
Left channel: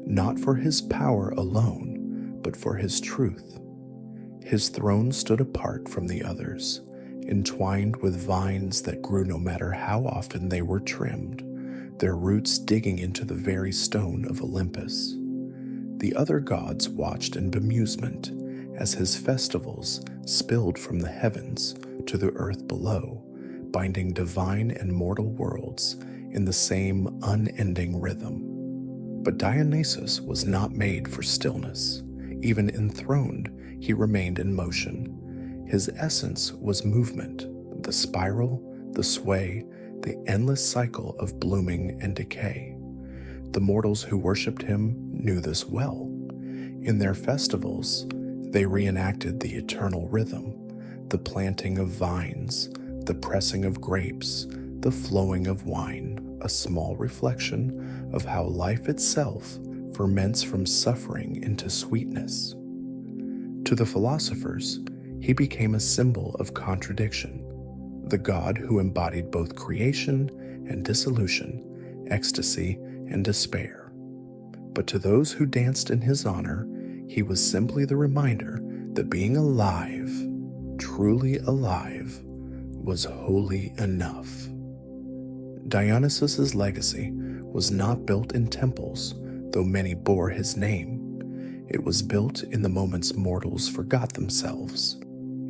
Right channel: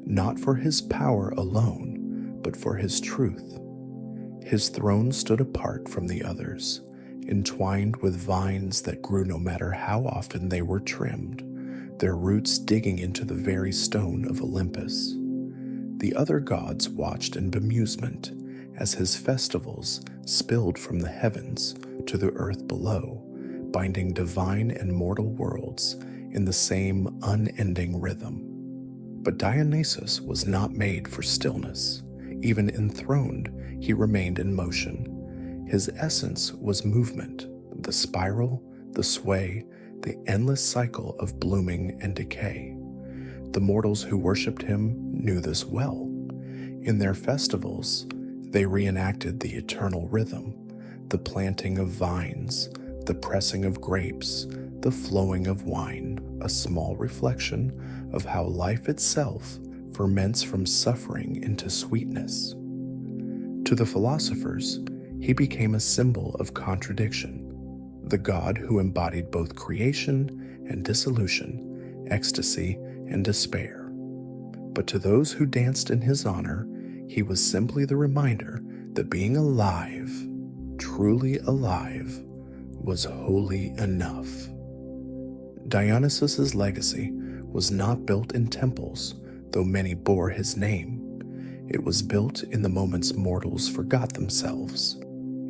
not for his power alone, but for his truth. His throne stood apart from the others, entwined with vines that grew no matter how often they were trimmed, their roots digging into the very stone of Olympus. The other gods watched in bemusement as his festivals spilled from the heavens to the earth below, binding divine and mortal worlds in the same unending rhythm. But Dionysus was not made for stillness. Even enthroned, he remained in motion. His essence was movement, the spiral, the sway, the endless cycle of blooming and decay. The mortals who worshipped him knew this well. In their festivals, they reenacted the eternal rhythm, the planting of vines, the pressing of grapes, the flowing of wine, a small reflection of how life itself ferments from suffering into sweetness. To the philosophers, he became a symbol of contradiction, the god who embodied both creation and dissolution, ecstasy and despair. But to those who danced in his honor, he was simply the reminder that being alive, truly alive, was holy enough. Dionysus's legacy was not built in temples, though many bore his name. It was built in the moments mortals forgot themselves,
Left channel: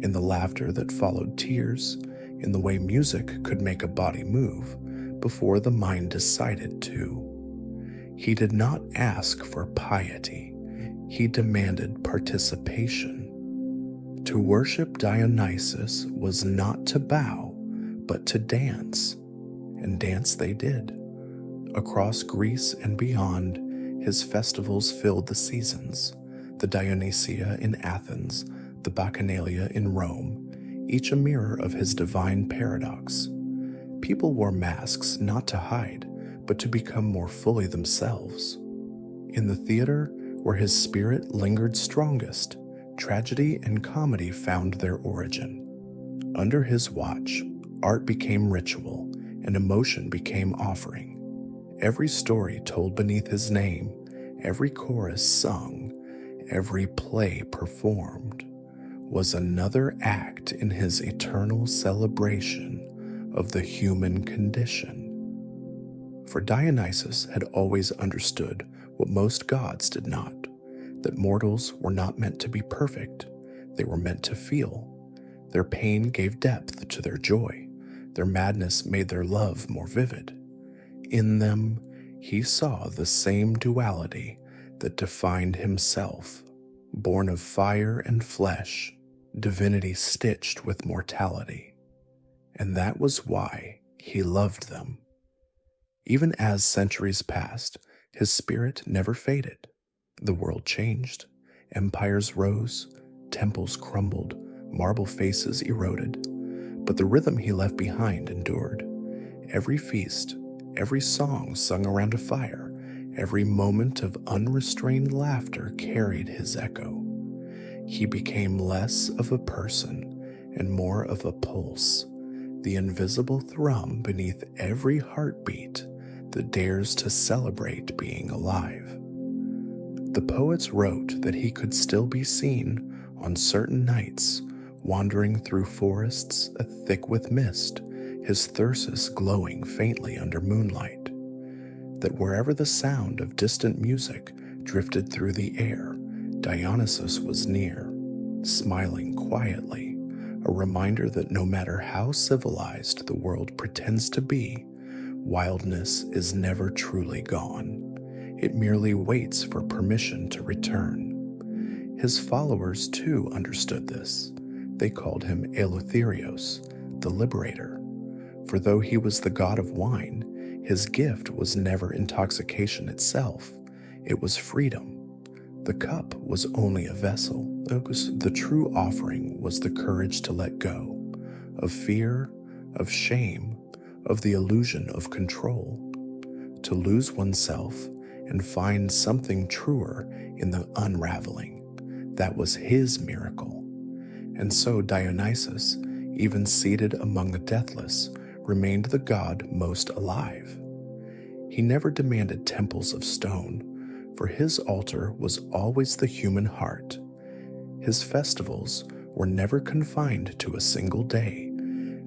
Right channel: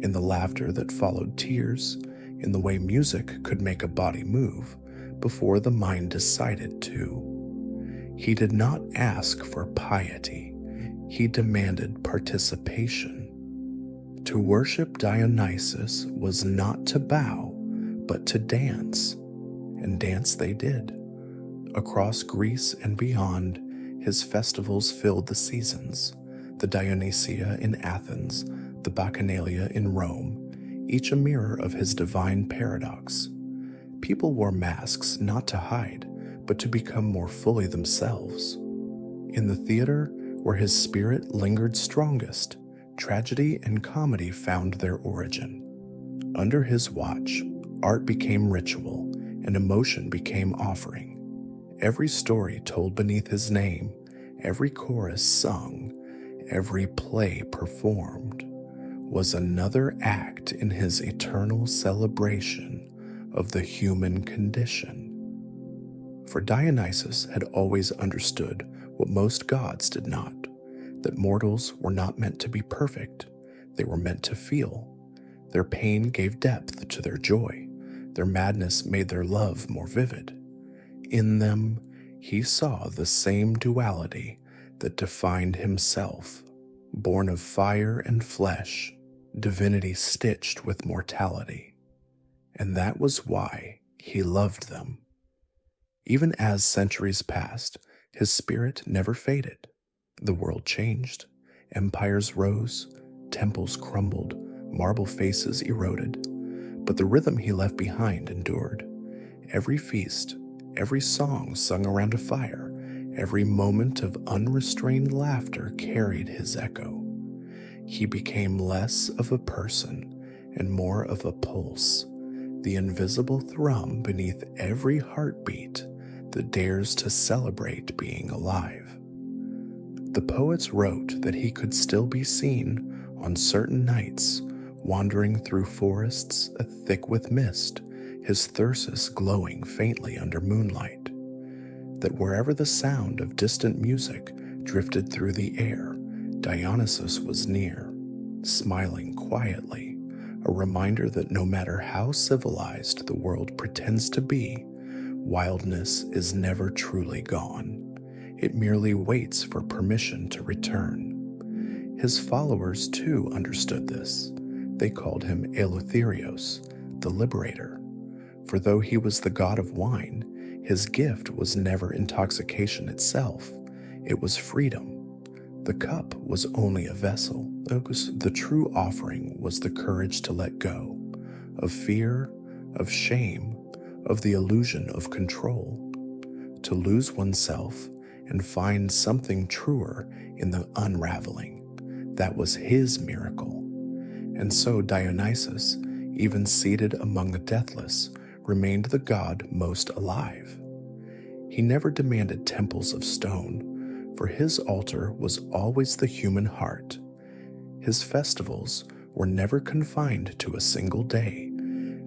in the laughter that followed tears, in the way music could make a body move before the mind decided to. He did not ask for piety. He demanded participation. To worship Dionysus was not to bow, but to dance, and dance they did. Across Greece and beyond, his festivals filled the seasons, the Dionysia in Athens, the Bacchanalia in Rome, each a mirror of his divine paradox. People wore masks not to hide, but to become more fully themselves. In the theater, where his spirit lingered strongest, tragedy and comedy found their origin. Under his watch, art became ritual, and emotion became offering. Every story told beneath his name, every chorus sung, every play performed, was another act in his eternal celebration of the human condition. For Dionysus had always understood what most gods did not, that mortals were not meant to be perfect, they were meant to feel. Their pain gave depth to their joy, their madness made their love more vivid. In them, he saw the same duality that defined himself, born of fire and flesh, divinity stitched with mortality. And that was why he loved them. Even as centuries passed, his spirit never faded. The world changed, empires rose, temples crumbled, marble faces eroded, but the rhythm he left behind endured. Every feast, every song sung around a fire, every moment of unrestrained laughter carried his echo. He became less of a person and more of a pulse, the invisible thrum beneath every heartbeat that dares to celebrate being alive. The poets wrote that he could still be seen on certain nights, wandering through forests thick with mist, his thyrsus glowing faintly under moonlight. That wherever the sound of distant music drifted through the air, Dionysus was near, smiling quietly, a reminder that no matter how civilized the world pretends to be, wildness is never truly gone. It merely waits for permission to return. His followers too understood this. They called him Eleutherios, the liberator. For though he was the god of wine, his gift was never intoxication itself. It was freedom. The cup was only a vessel. The true offering was the courage to let go of fear, of shame, of the illusion of control, to lose oneself and find something truer in the unraveling. That was his miracle. And so Dionysus, even seated among the deathless, remained the god most alive. He never demanded temples of stone, for his altar was always the human heart. His festivals were never confined to a single day,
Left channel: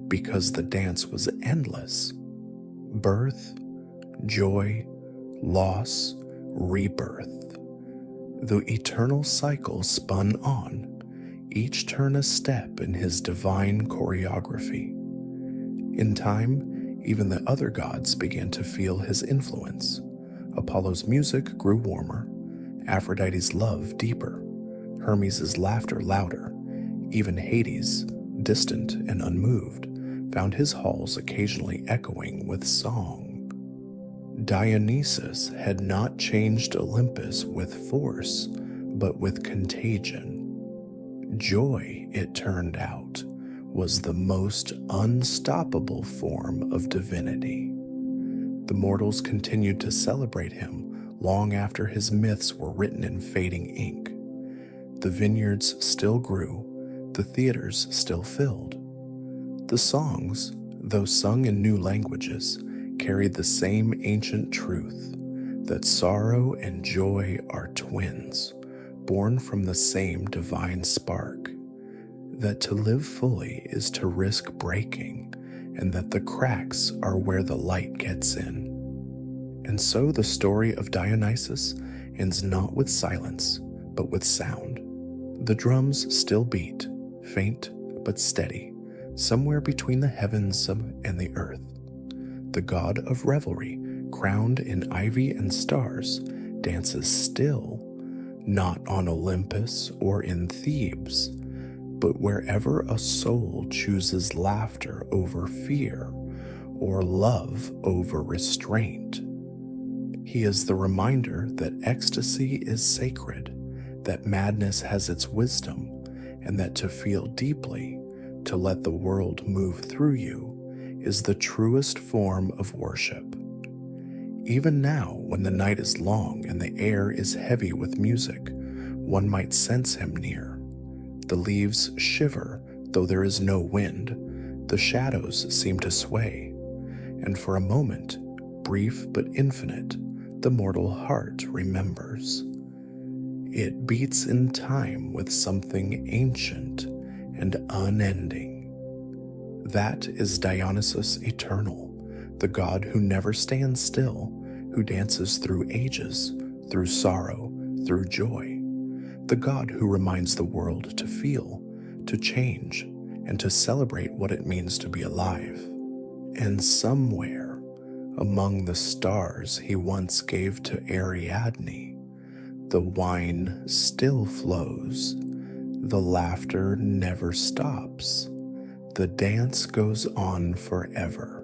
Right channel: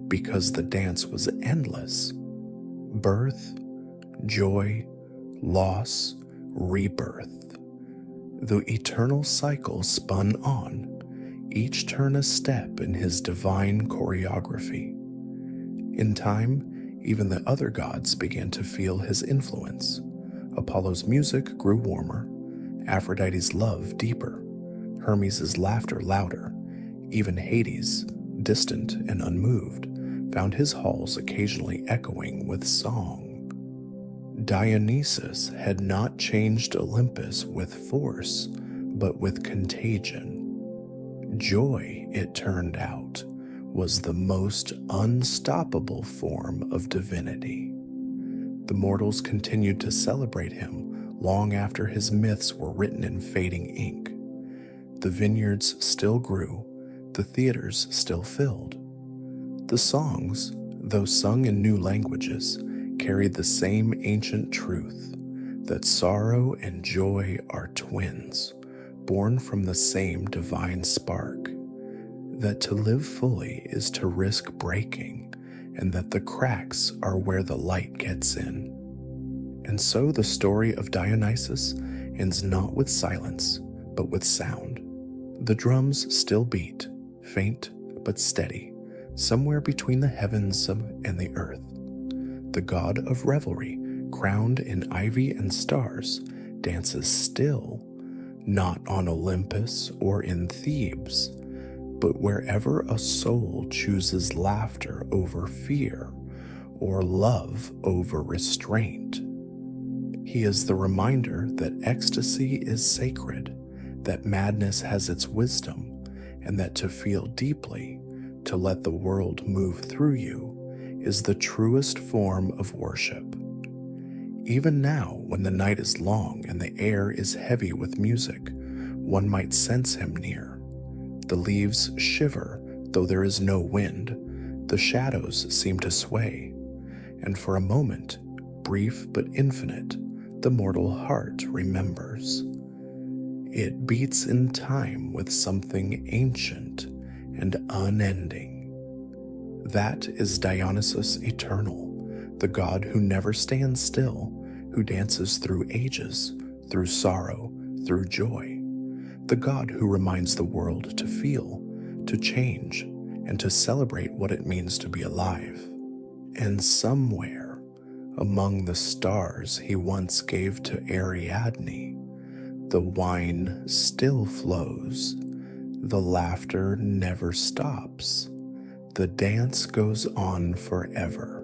because the dance was endless. Birth, joy, loss, rebirth. The eternal cycle spun on, each turn a step in his divine choreography. In time, even the other gods began to feel his influence. Apollo's music grew warmer, Aphrodite's love deeper, Hermes' laughter louder. Even Hades, distant and unmoved, found his halls occasionally echoing with song. Dionysus had not changed Olympus with force, but with contagion. Joy, it turned out, was the most unstoppable form of divinity. The mortals continued to celebrate him long after his myths were written in fading ink. The vineyards still grew, the theaters still filled. The songs, though sung in new languages, carried the same ancient truth that sorrow and joy are twins, born from the same divine spark, that to live fully is to risk breaking, and that the cracks are where the light gets in. And so the story of Dionysus ends not with silence, but with sound. The drums still beat, faint but steady, somewhere between the heavens and the earth. The god of revelry, crowned in ivy and stars, dances still, not on Olympus or in Thebes, but wherever a soul chooses laughter over fear or love over restraint. He is the reminder that ecstasy is sacred, that madness has its wisdom, and that to feel deeply, to let the world move through you, is the truest form of worship. Even now, when the night is long and the air is heavy with music, one might sense him near. The leaves shiver, though there is no wind. The shadows seem to sway. And for a moment, brief but infinite, the mortal heart remembers. It beats in time with something ancient and unending. That is Dionysus eternal, the god who never stands still, who dances through ages, through sorrow, through joy, the god who reminds the world to feel, to change, and to celebrate what it means to be alive. And somewhere, among the stars he once gave to Ariadne, the wine still flows, the laughter never stops, the dance goes on forever.